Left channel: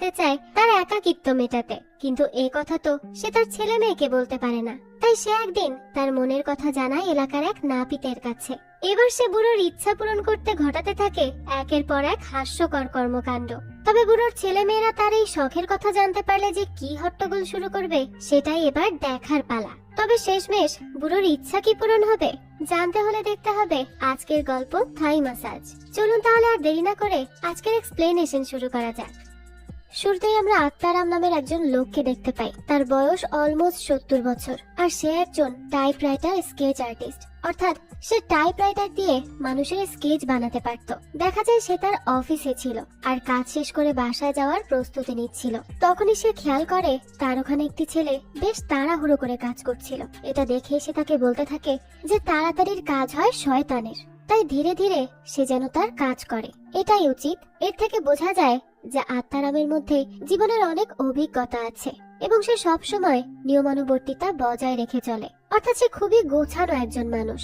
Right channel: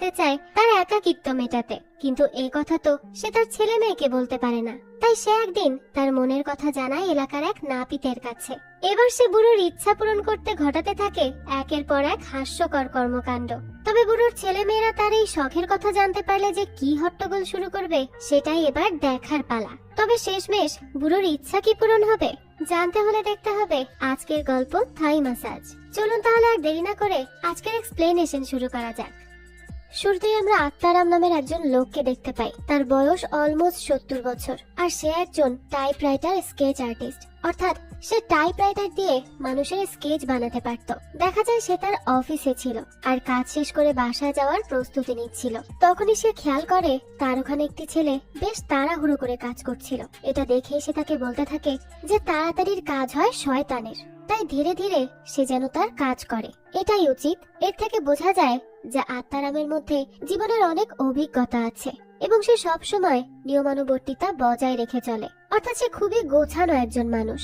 চায় তার একাকিত্ব মেটাতে, কিন্তু এই কথা তো সে তার ছেলে মেয়েকে বলতে পারে না। তাই সে একদিন তার মনের কথা জানায় এলাকার এক নাপিতের কাছে। এবার সে বুড়োর ইচ্ছা পূরণ করতে ঘটাতে থাকে একের পর এক হাস্যকর কর্মকাণ্ড। তবে বুড়োর ছেলে মেয়েরা তার এই শখের কথা জানতে পারলে যে কি হট্টগোল শুরু করবে সেটাই এবার দেখার পালা। তবে শেষমেশ বুড়োর ইচ্ছা কি পূরণ হবে জানতে হলে দেখতে হবে আজকের গল্প থাই ম্যাসাজ। চলুন তাহলে আর দেরি না করে আজকের এক্সপ্লেনেশন শুরু করা যাক। শুরুতেই আমরা আত্মারাম নামের একজন লোককে দেখতে পাই। তার বয়স অলমোস্ট 70 বছর, আর সে একজন টাইপরাইটার স্কেচ আর্টিস্ট। অর্থাৎ সে টাইপরাইটার দিয়ে মানুষের স্কেচ বানাতে পারত। দেখা যায় সে তার অফিসে ছিল আর কাজ শেষ করে বাসায় যাওয়ার প্রস্তুতি নিচ্ছিল। তখনই সে খেয়াল করে তার ওখানে একটি ছেলে বেশ তাড়াহুড়ো করে কাজ করছিল। এটা দেখে সে তাকে বলতে থাকে যে তাড়াতাড়ির কাজ হয় শয়তানের, তাই ধীরে ধীরে সে যেন তার কাজ করে, এটাই উচিত। এর থেকে বোঝা যায় যে আত্মারামের মধ্যে জীবনের অনেক অভিজ্ঞতা আছে এবং সে সব সময় নিয়মানুবর্তিতা বজায় রেখে চলে। অর্থাৎ সে খুবই গোছানো একজন মানুষ।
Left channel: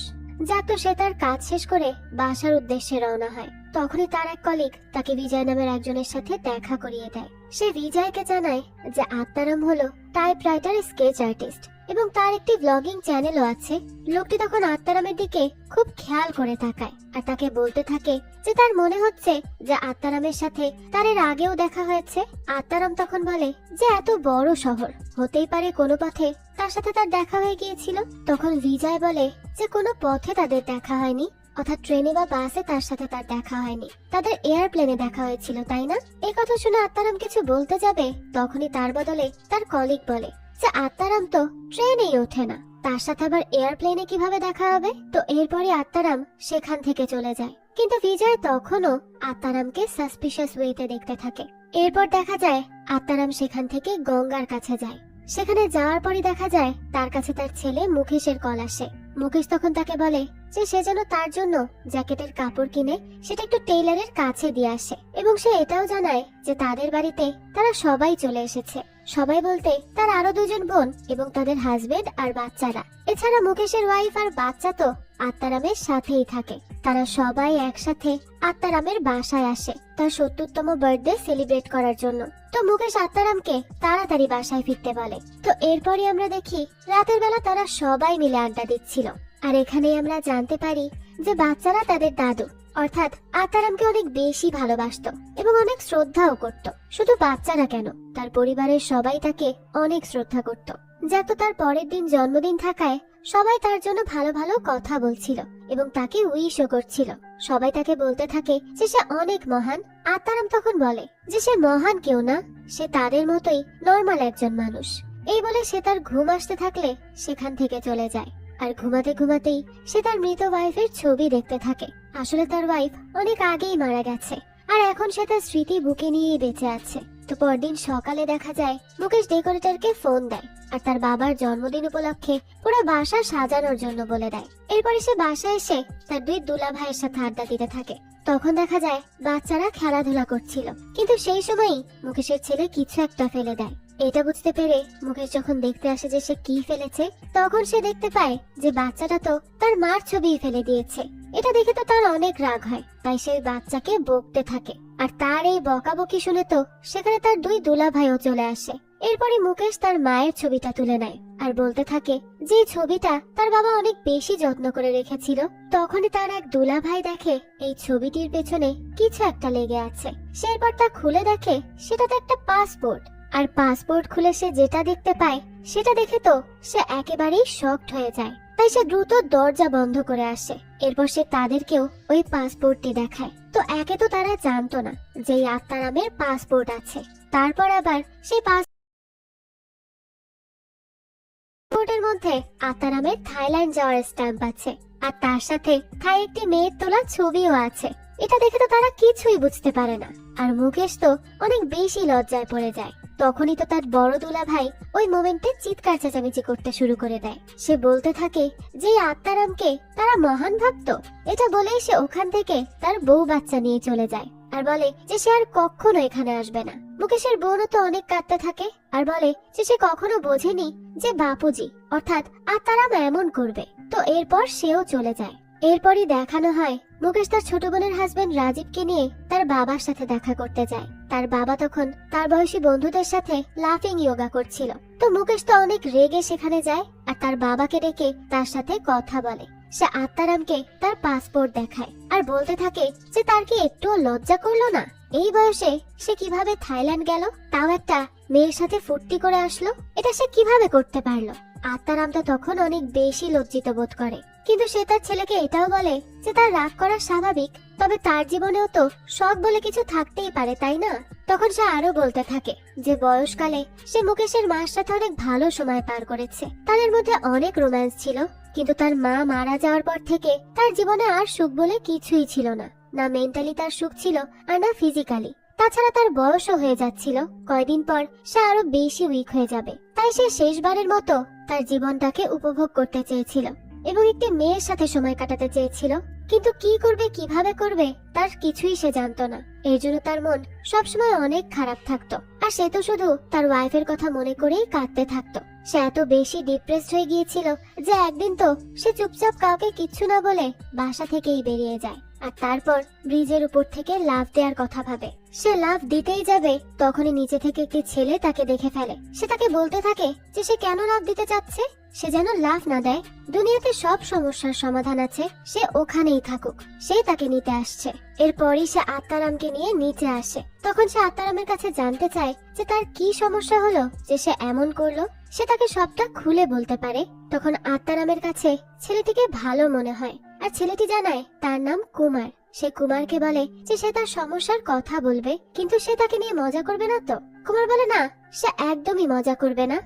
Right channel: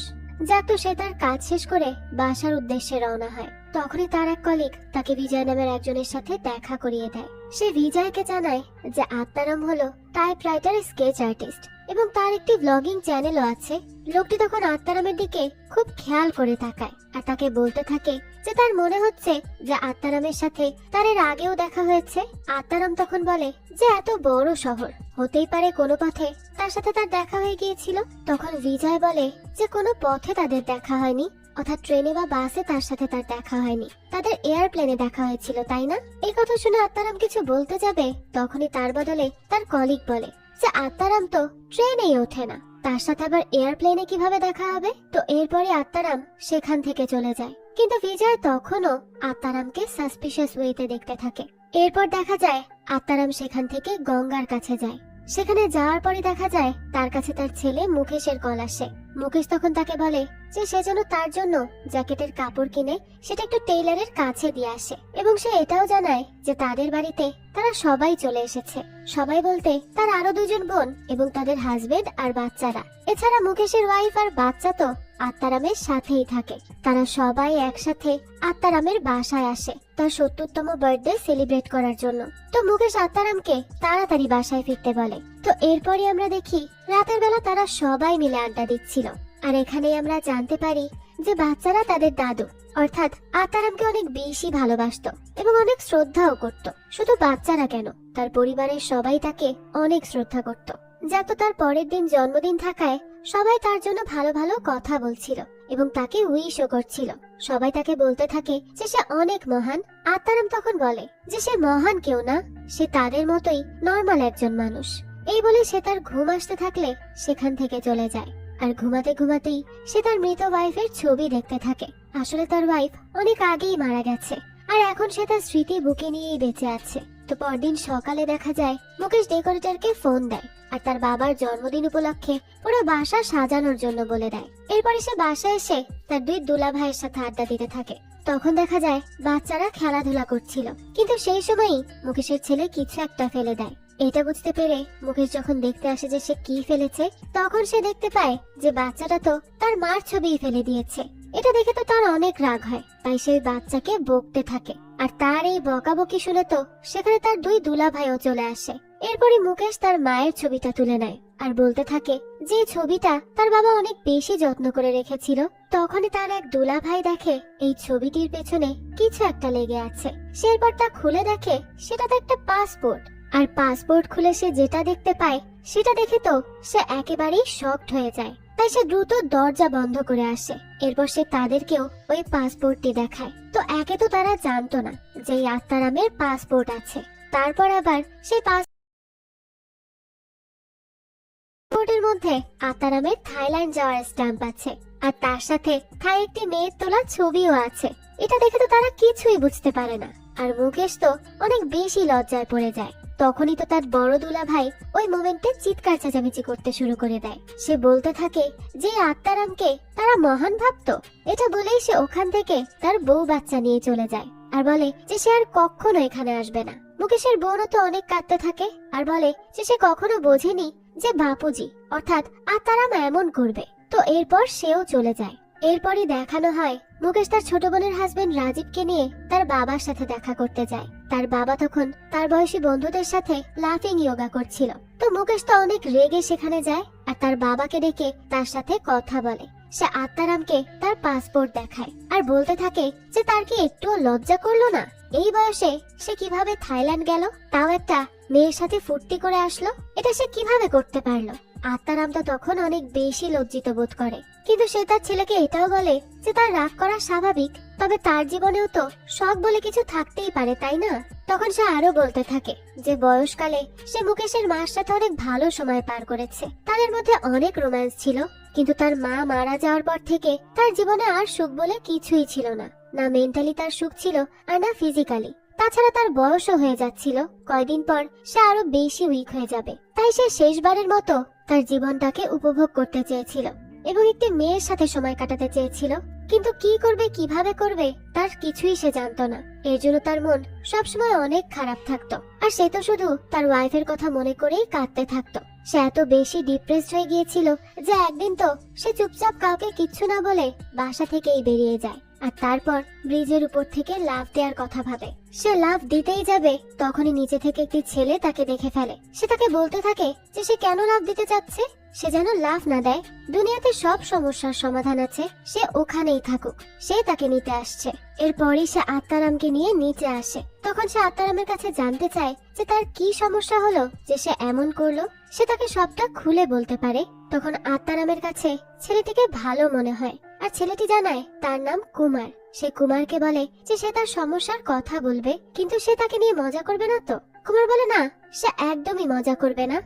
যাক, তো সে তার কাজ শেষ করে বাসার উদ্দেশ্যে রওনা হয়। তখনই তার এক কলিগ তাকে বিজয় নামের একজনের সাথে দেখা করিয়ে দেয়। সে বিজয়কে জানায় যে আত্মারাম হলো টাইপরাইটার স্কেচ আর্টিস্ট এবং তার একটি ব্লগিং চ্যানেলও আছে। লোকটি তখন আত্মারামের দিকে খুব খেয়াল করে তাকায় আর তাকে বলতে থাকে যে তার মনে হচ্ছে যে আত্মারামের সাথে তার এর আগেও দেখা হয়েছে। আত্মারাম তখন বলে যে এত বড় শহর, হতেই পারে কোনো পথে তার সাথে তার দেখা হয়ে গিয়েছিল। তখন বিজয় বলে যে কোনো পথে তাদের দেখা হয়নি, অর্থাৎ ট্রেনে বা বাসে তার সাথে তার দেখা হয়নি, তাদের এয়ারপ্লেনে দেখা হয়েছিল, তাই না? এই কথা শুনে আত্মারাম কিছু বলতে যাবে, তখনই তার বদলে তার কলিগ বলে যে আত্মারাম তো ট্রেনেই ওঠে না, তার সাথে আবার এয়ারপ্লেনে কিভাবে দেখা হবে। তো এরপরই আত্মারাম সেখান থেকে চলে যায়। কিন্তু বিজয় তখনও আত্মারামকে সাসপিশিয়াস ওয়েতে দেখতে থাকে। এরপর দেখা যায় আত্মারাম সেখান থেকে গঙ্গার কাছে যায়। সেখানে যাওয়ার পরে দেখা যায় তার কাছে তার ছেলে মুকেশের কল আসে। মুকেশ তখন তাকে বলে যে সে যেন তার জন্য জ্যাকেটের কাপড় কিনে সেটা একটু টেইলারের কাছে দিয়ে আসে, এবং সে এটাও জানায় যে তাদের বাড়িতে তারা সবাই চলে এসেছে। সবাই বলতে তার আরো দুজন বোন এবং তাদের হাজবেন্ড আর বাচ্চারা। এছাড়া মুকেশের ওয়াইফ আর বাচ্চা তো আত্মারামের সাথেই থাকে। তারা সবাই একসাথে আত্মারামের বাসায় আসে তার 70তম বার্থডে সেলিব্রেট করার জন্য। তো মুকেশ আত্মারামকে তাড়াতাড়ি বাসায় ফিরতে বলে। তো এরপরে আমরা দেখি রাতের বেলা তারা সবাই মিলে আড্ডা দিচ্ছিল। আর এখানেই আমরা জানতে পারি যে বাচ্চারা তাদের দাদু অর্থাৎ আত্মারামকে অনেক বেশি ভালোবাসতো এবং অনেক শ্রদ্ধাও করত। শুধু বাচ্চারা কেন, তার পরিবারের সবাই তাকে অনেক শ্রদ্ধা করত। যাক, তো তার পরের দিন জন্মদিন থাকায় সবাই তার জন্য ভালো ভালো কথা বলছিল এবং তাকে উইশও করছিল। সবাই তাকে বলতে থাকে যে সে অনেক মহান। আত্মারাম তখন বলে যে সে মহান কেউ না, সে তাদের মতোই নর্মাল একজন মানুষ। এই বলে সে তার ঘুম আসতে থাকলে সেখান থেকে চলে যায়। আর ঘুমাতে ঘুমাতেই সে তার মৃত ওয়াইফের ছবি দেখতে থাকে। আসলে তার ওয়াইফ অনেক আগেই মারা গেছে আর এখন সে তার স্মৃতি বুকে নিয়ে বেঁচে আছে। তো পরদিন সকালে দেখা যায় মুকেশ ডেকোরেটরকে ফোন দেয় আর তার বাবার জন্মদিন উপলক্ষে পুরো বাসা সাজানোর জন্য বলে দেয়। এরপরে সে বাসায় এসে তার দুই দুলা ভাইয়ের সাথে আড্ডা দিতে থাকে। তখন দেখা যায় বাচ্চারা খেলাধুলা করছিল, কিন্তু সেই সময়ই মুকেশের ছেলে কিছু একটা ফেলে দেয়। এটা বুঝতে পেরে মুকেশ যখন দেখতে আসে যে সে কি ফেলেছে, তখন সে দেখতে পায় যে বাচ্চাটা তো তার মার ছবিই ফেলে দিয়েছে। এটা দেখে তো তার অনেক রাগ হয়, তাই সেই বাচ্চাকে বকতে থাকে। আর তার এই বকাবকি শুনে তো সেখানে তার দুই দুলা ভাইও চলে আসে। এরপরে মুকেশ তার মায়ের ছবিটা তুলে নেয় আর বলতে থাকে যে ছবিটা তার বাবা অনেক বেশি যত্ন করে রেখেছিল। তখনই তার এক দুলা ভাই দেখে এই ছবিটির পেছনে কিছু একটা লেগে আছে। সে এরপর তা খুলে দেখে সেটা তো একটা পাসপোর্ট। আর পাসপোর্ট খুলে সে যেটা দেখতে পায় সেটা দেখে তো সে একেবারেই শকড হয়ে যায়। তাই সে দ্রুত দরজা বন্ধ করে আসে। এরপর সে তাদেরকেও ওই পাসপোর্টটি দেখায়। তো একে তো তারা জানতো না যে এই আত্মারামের পাসপোর্ট আছে। তারপর আবার সেই পাসপোর্টের মধ্যে আত্মারামের থাইল্যান্ড যাওয়ার স্ট্যাম্প আছে আর তার সাথে থাই একটি মেয়ের তোলা ছবিও আছে। এটা দেখে তো তারা কিছুই বুঝতে পারে না। আর মুকেশ তো অনেক বেশি লজ্জায় পড়ে যায়। তখনই তো তার বড় দুলা ভাই ওই মোমেন্টে চিৎকার চেঁচামেচি করতে শুরু করে দেয়। সে বলতে থাকে যে আত্মারামকে তারা মহান ভাবতো। এটা বলেই সে ওখান থেকে তার বউ বাচ্চা নিয়ে চলে যায় আর বলে যে সে আর কখনো এখানে আসবে না। মুকেশের বোনও তো অনেক কাঁদতে থাকে আর বলে যে সে কখনো বোঝেনি যে বাপুজি অর্থাৎ আত্মারাম এমন করবে। তো এরপর সেও চলে যায়। এরপরই দেখানো হয় মুকেশ তার ছোট বোনের হাজবেন্ড রাজীবকে নিয়ে তার বাবার সাথে দেখা করতে যায়। তার বাবা তখন তার বয়সী বন্ধুদের সাথে লাফিং যোগা করছিল। তো মুকেশ তো অনেক রেগে সেখানে যায় আর তার বাবাকে ডেকে তার সাথে কথা বলে। সে আত্মারামকে তার পাসপোর্ট দেখায় আর বলতে থাকে যে তার কি একটু লজ্জা করলো না, এই বয়সে সে কিভাবে থাইল্যান্ড গেল, তাও একটা মেয়ের সাথে ফুর্তি করে আসলো, এটা সে কিভাবে করতে পারলো। আত্মারাম তো তখন অনেক বেশি লজ্জিত বোধ করে, কিন্তু সে তার ছেলেকে এটাও বলে যে তার রাগ করা স্বাভাবিক, তবে তার জীবনেও তো শখ বলে কিছু থাকতেই পারে, তাই না? তখন সে আরো বলতে থাকে যে বয়সকালে সে মুকেশের মার সাথে অনেক ভালো সময় পার করেছে, তাদের মধ্যে অনেক রোম্যান্স ছিল, কিন্তু তার মা মারা যাওয়ার পর থেকে তার জীবনে আর সুখ বলে কিছুই ছিল না, না মেন্টালি তার সুখ ছিল আর না ফিজিক্যালি। তাছাড়া তার বয়সও হয়ে যাচ্ছিল, কয়দিন পর সে আরো বেশি উইক হয়ে যাবে। তাই সে শেষবারের মতো তার জীবনটাকে উপভোগ করতে চেয়েছিল এবং একটি মেয়ের সাথে সময় কাটাতে চেয়েছিল, কিন্তু কি করবে কিভাবে করবে তার কিছুই সে জানতো না। এর জন্য তার মন সবসময় অনেক খারাপ থাকতো আর সে তো শুধু তার ওয়াইফের কথা মনে করেই কাঁদতে থাকতো। সে এত বেশি ডিপ্রেসড হয়ে গিয়েছিল যে একদিন তো সে চুপচাপ কাউকে কিচ্ছু না বলে বাসা থেকেই বেরিয়ে যায় আর তারপর ব্রিজের উপর থেকে লাফ দেওয়ার কথা ভাবে। সে লাফ দিতেই যাবে তখনই নিচে থেকে একটি ছেলে তাকে দেখে ফেলে। সে তাকে বলতে থাকে যে সে কেন লাফ দিতে চাচ্ছে, সে যেন লাফ না দেয়, দুনিয়াতে সব সমস্যার সমাধান আছে, সে ওখানেই থাকুক, সেই তাকে নিতে আসছে। এরপরই সে আত্মারামকে নিয়ে নিচে আসে। তখন সে আত্মারামের কাছে জানতে চায় যে তার কি সমস্যা হলো যে সে এমন করলো, সে তাকে সবটা খুলে বলতে পারে। তখন আত্মারামের কাছে ছেলেটিকে ভালো মনে হয় আর ছেলেটি জানায় তার নাম কুমার। সে কুমারকে বলে যে সে তার সমস্যার কথা বলবে, কিন্তু সে তাকে নিয়ে মজা করবে না তো। কুমার বলে না, সে একদমই মজা করবে না।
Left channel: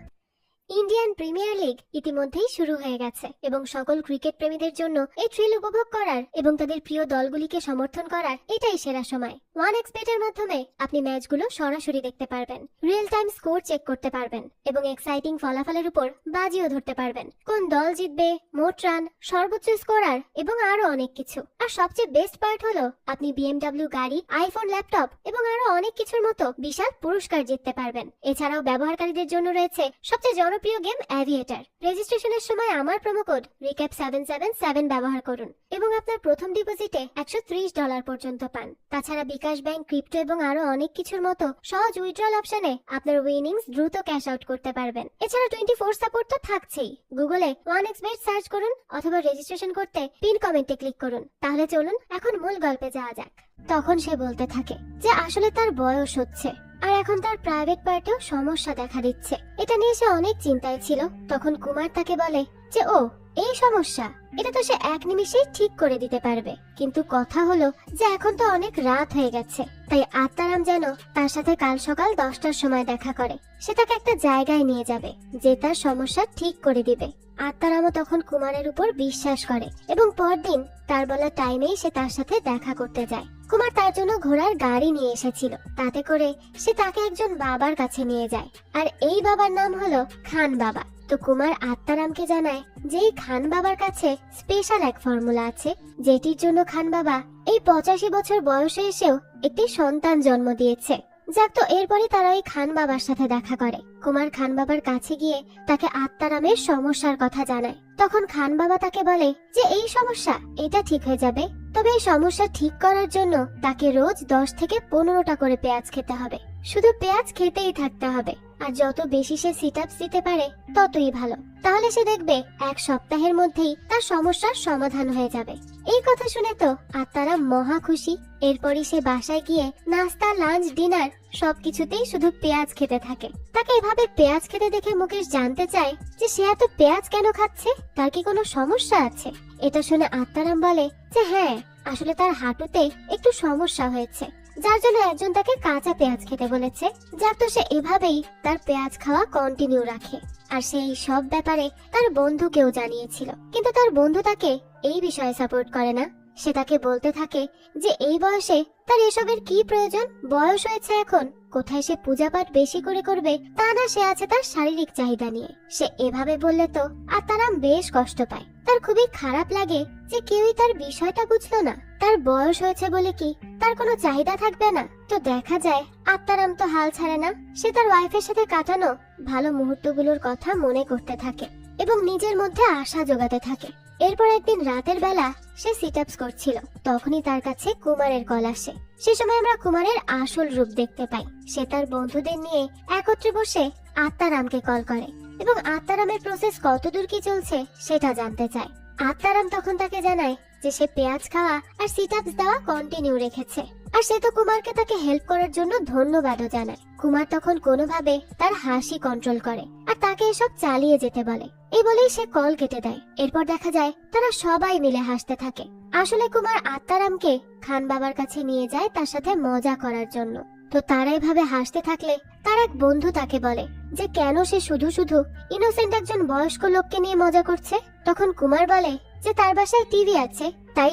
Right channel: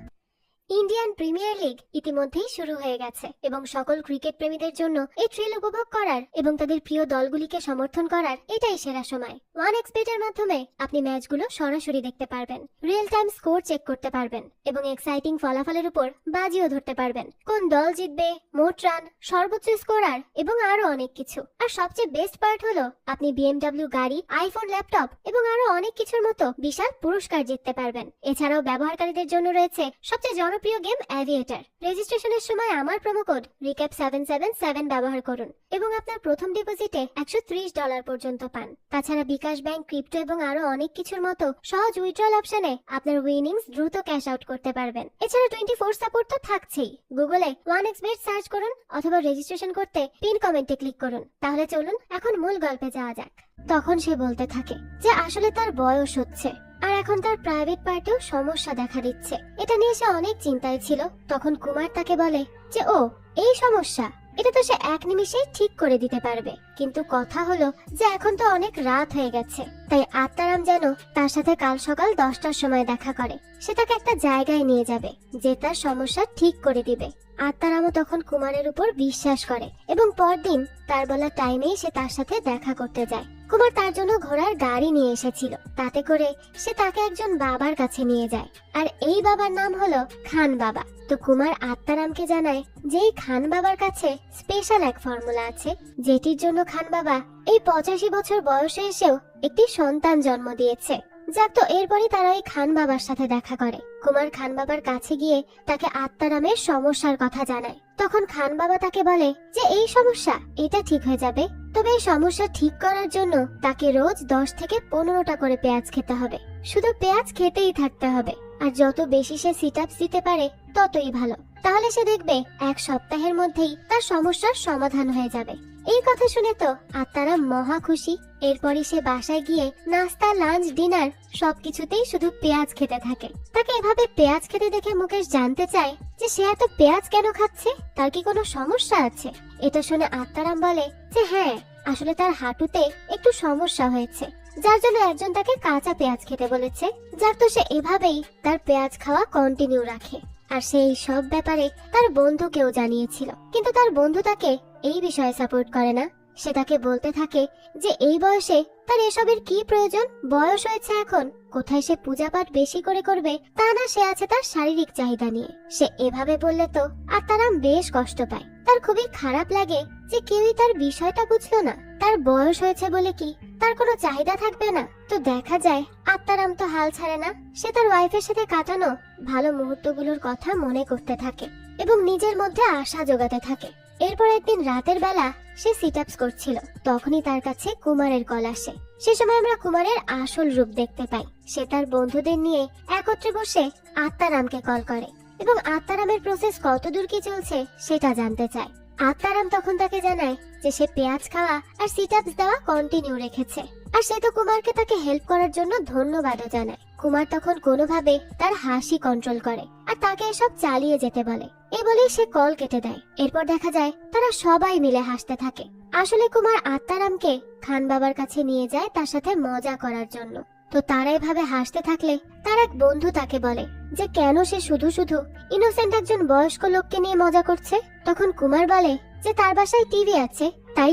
ইন্ডিয়ান প্রিমিয়ার লিগ ইতিমধ্যেই শুরু হয়ে গেছে এবং সকল ক্রিকেট প্রেমীদের জন্য এই থ্রিল উপভোগ করার এবং তাদের প্রিয় দলগুলিকে সমর্থন করার এটাই সেরা সময়। 1xBet এর মাধ্যমে আপনি ম্যাচগুলো সরাসরি দেখতে পারবেন, রিয়েল টাইম স্কোর চেক করতে পারবেন এবং এক্সাইটিং ফলাফলের উপর বাজিও ধরতে পারবেন, কোন দল জিতবে, মোট রান, সর্বোচ্চ স্কোরার এবং আরো অনেক কিছু। আর সবচেয়ে বেস্ট পার্ট হলো আপনি BMW গাড়ি, আইফোন, ল্যাপটপ এবং আরো অনেক কিছুর মতো বিশাল পুরস্কার জিততে পারবেন। এছাড়াও ব্যবহারকারীদের জন্য রয়েছে সবচেয়ে জনপ্রিয় গেম অ্যাভিয়েটার। রেজিস্ট্রেশনের সময় আমার প্রোমো কোড RECAP777 ব্যবহার করুন এবং আপনার প্রথম ডিপোজিটে $130 পর্যন্ত পান। তাছাড়া বিকাশ ব্যাংক, ক্রিপ্টো এবং আরো অনেক কিছুর মতো সহজ উইথড্রল অপশনে আপনার উইনিংস দ্রুত ক্যাশ আউট করতে পারবেন। এছাড়া 24 সাপোর্ট তো থাকছেই। গুগলে 1xBet সার্চ করুন অথবা রেজিস্ট্রেশন করতে পিন কমেন্টে ক্লিক করুন। তাহলে চলুন এখন মূল গল্পে যাওয়া যাক। তখন সে বলতে থাকে যে আসলে তার বয়স হচ্ছে আর এখন তার প্রাইভেট পার্টেও সমস্যা দেখা দিচ্ছে, এটা নিয়ে সে অনেক চিন্তায় ছিল। তখন কুমার তাকে বলে যে ও এই সমস্যা, এটা তো সে এক নিমিষেই ঠিক করে দিতে পারবে, কিন্তু কথা হলো যে এখন তো অনেক রাত হয়ে গেছে, তাই আত্মারাম যেন তার সাথে কাল সকাল 10টার সময় দেখা করে। সে তাকে একটা জায়গায় নিয়ে যাবে যে তার সমস্যা ঠিক করে দিবে। আত্মারামও তখন কুমারের উপর বিশ্বাস করে এবং পরদিন তার বলা টাইমেই সে তার সাথে দেখা করতে যায়। কুমার তার জন্য ঘোড়ার গাড়ি নিয়ে এসেছিল, তাতে করে সে তাকে একজন বাবার কাছে নিয়ে যায় আর এই বাবার নাম হলো খান বাবা। তো কুমার আত্মারামকে জানায় যে এই খান বাবার কাছে স্পেশাল এক ফর্মুলা আছে, যেটির জন্য খান বাবা এই 85 বছর বয়সে এসেও একটি সন্তান জন্ম দিয়েছে। যাক, তো এরপরই তারা ওই খান বাবার সাথে দেখা করে। কুমার খান বাবার কাছে গিয়ে তাকে আত্মারামের সমস্যার কথা জানায়। তখন খান বাবা তাকে বলে যে এই সমস্যা এটা ঠিক হয়ে যাবে, তবে এই সমস্যা ঠিক করার জন্য তাকে রোজ 10 থেকে 15টা করে পেঁয়াজ খেতে হবে, শুধু পেঁয়াজ খেতেই থাকতে হবে, আর যত বেশি সে সিট আপস দিতে পারে ততই ভালো। তাহলে সে দেখবে এক সপ্তাহের মধ্যেই তার সমস্যার সমাধান হয়ে যাবে। এই কথা শুনে তো আত্মারাম মহা খুশি। এরপরই সে বাসায় গিয়ে নাস্তা, লাঞ্চ, ডিনার সবকিছুতেই শুধু পেঁয়াজ খেতে থাকে। তাকে এভাবে পেঁয়াজ খেতে দেখে মুকেশ জানতে চায় যে সে এত পেঁয়াজ কেন খাচ্ছে, তার কি কোনো সমস্যা আছে। এটা শুনে আত্মারাম বলে যে হ্যাঁ, আসলে তার হাঁটুতে একটু সমস্যা হয়েছে, যার জন্য একজন তাকে কাঁচা পেঁয়াজ খেতে বলেছে। যাক, তো সে এভাবেই তার পেঁয়াজ খাওয়া কন্টিনিউ রাখে আর সেই সব ব্যাপারে তার বন্ধুকেও জানিয়েছিল, কিন্তু তার বন্ধু তাকে এই বিষয়ে সাপোর্ট করে না। সে তাকে বলতে থাকে যে এই বয়সে তার এসবের কি প্রয়োজন, বয়স হয়েছে এখন, কোথায় সে পূজা পাঠ বেশি করে করবে, তা না সে আছে তার শারীরিক চাহিদা নিয়ে। সে এভাবে বললে তো আত্মারাম বেশ কষ্ট পায়, তার খুবই খারাপ লাগে যে কেউই তার বিষয়টা বুঝলো না। তার বয়স হয়েছে বলে কি তার কোনো চাহিদা থাকবে না? তো দেখা যায় আত্মারাম তো হাল ছাড়ে না, সে তার ওয়াইফের সাথে কাটানো ভালো মুহূর্তগুলোর কথা মনে করতে থাকে এবং নিজের মধ্যে আশা জোগাতে থাকে। এরপর একদিন রাতের বেলা সে সিট আপস করছিল, তখনই তার কাছে কুমারের কল আসে। সে সময় আমরা কুমারের আসল রূপ দেখতে পাই। সে তার বন্ধুদের নিয়ে একত্রে বসে আত্মারামকে কল করে এবং আত্মারামের প্রসেস কতদূর কি চলছে সেটা জানতে চায়। আত্মারাম তখন তাকে জানায় যে সে পেঁয়াজ খাওয়া আর সিট আপস দেওয়া কন্টিনিউ রেখেছে, আর সে তো কুমারকে তাকে হেল্প করার জন্য ধন্যবাদও জানায়। কুমার তখন কোনোভাবে তার হাসি কন্ট্রোল করে আর তাকে এসব চালিয়ে যেতে বলে। এই বলে সে কল কেটে দেয়। এরপর দেখা যায় তারা সবাই মিলে হাসতে থাকে। আসলে কুমার আত্মারামকে খান বাবার কাছে নিয়ে যায় তার সাথে মজা করার জন্য। তো তারা এভাবে হাসতে থাকলে তার এক বন্ধু তাকে বলে যে কেন সে শুধু শুধু ইনোসেন্ট একজন বয়স্ক লোককে নিয়ে মজা করছে। তখন কুমার বলে যে তার বাসায় টিভি আছে, তাই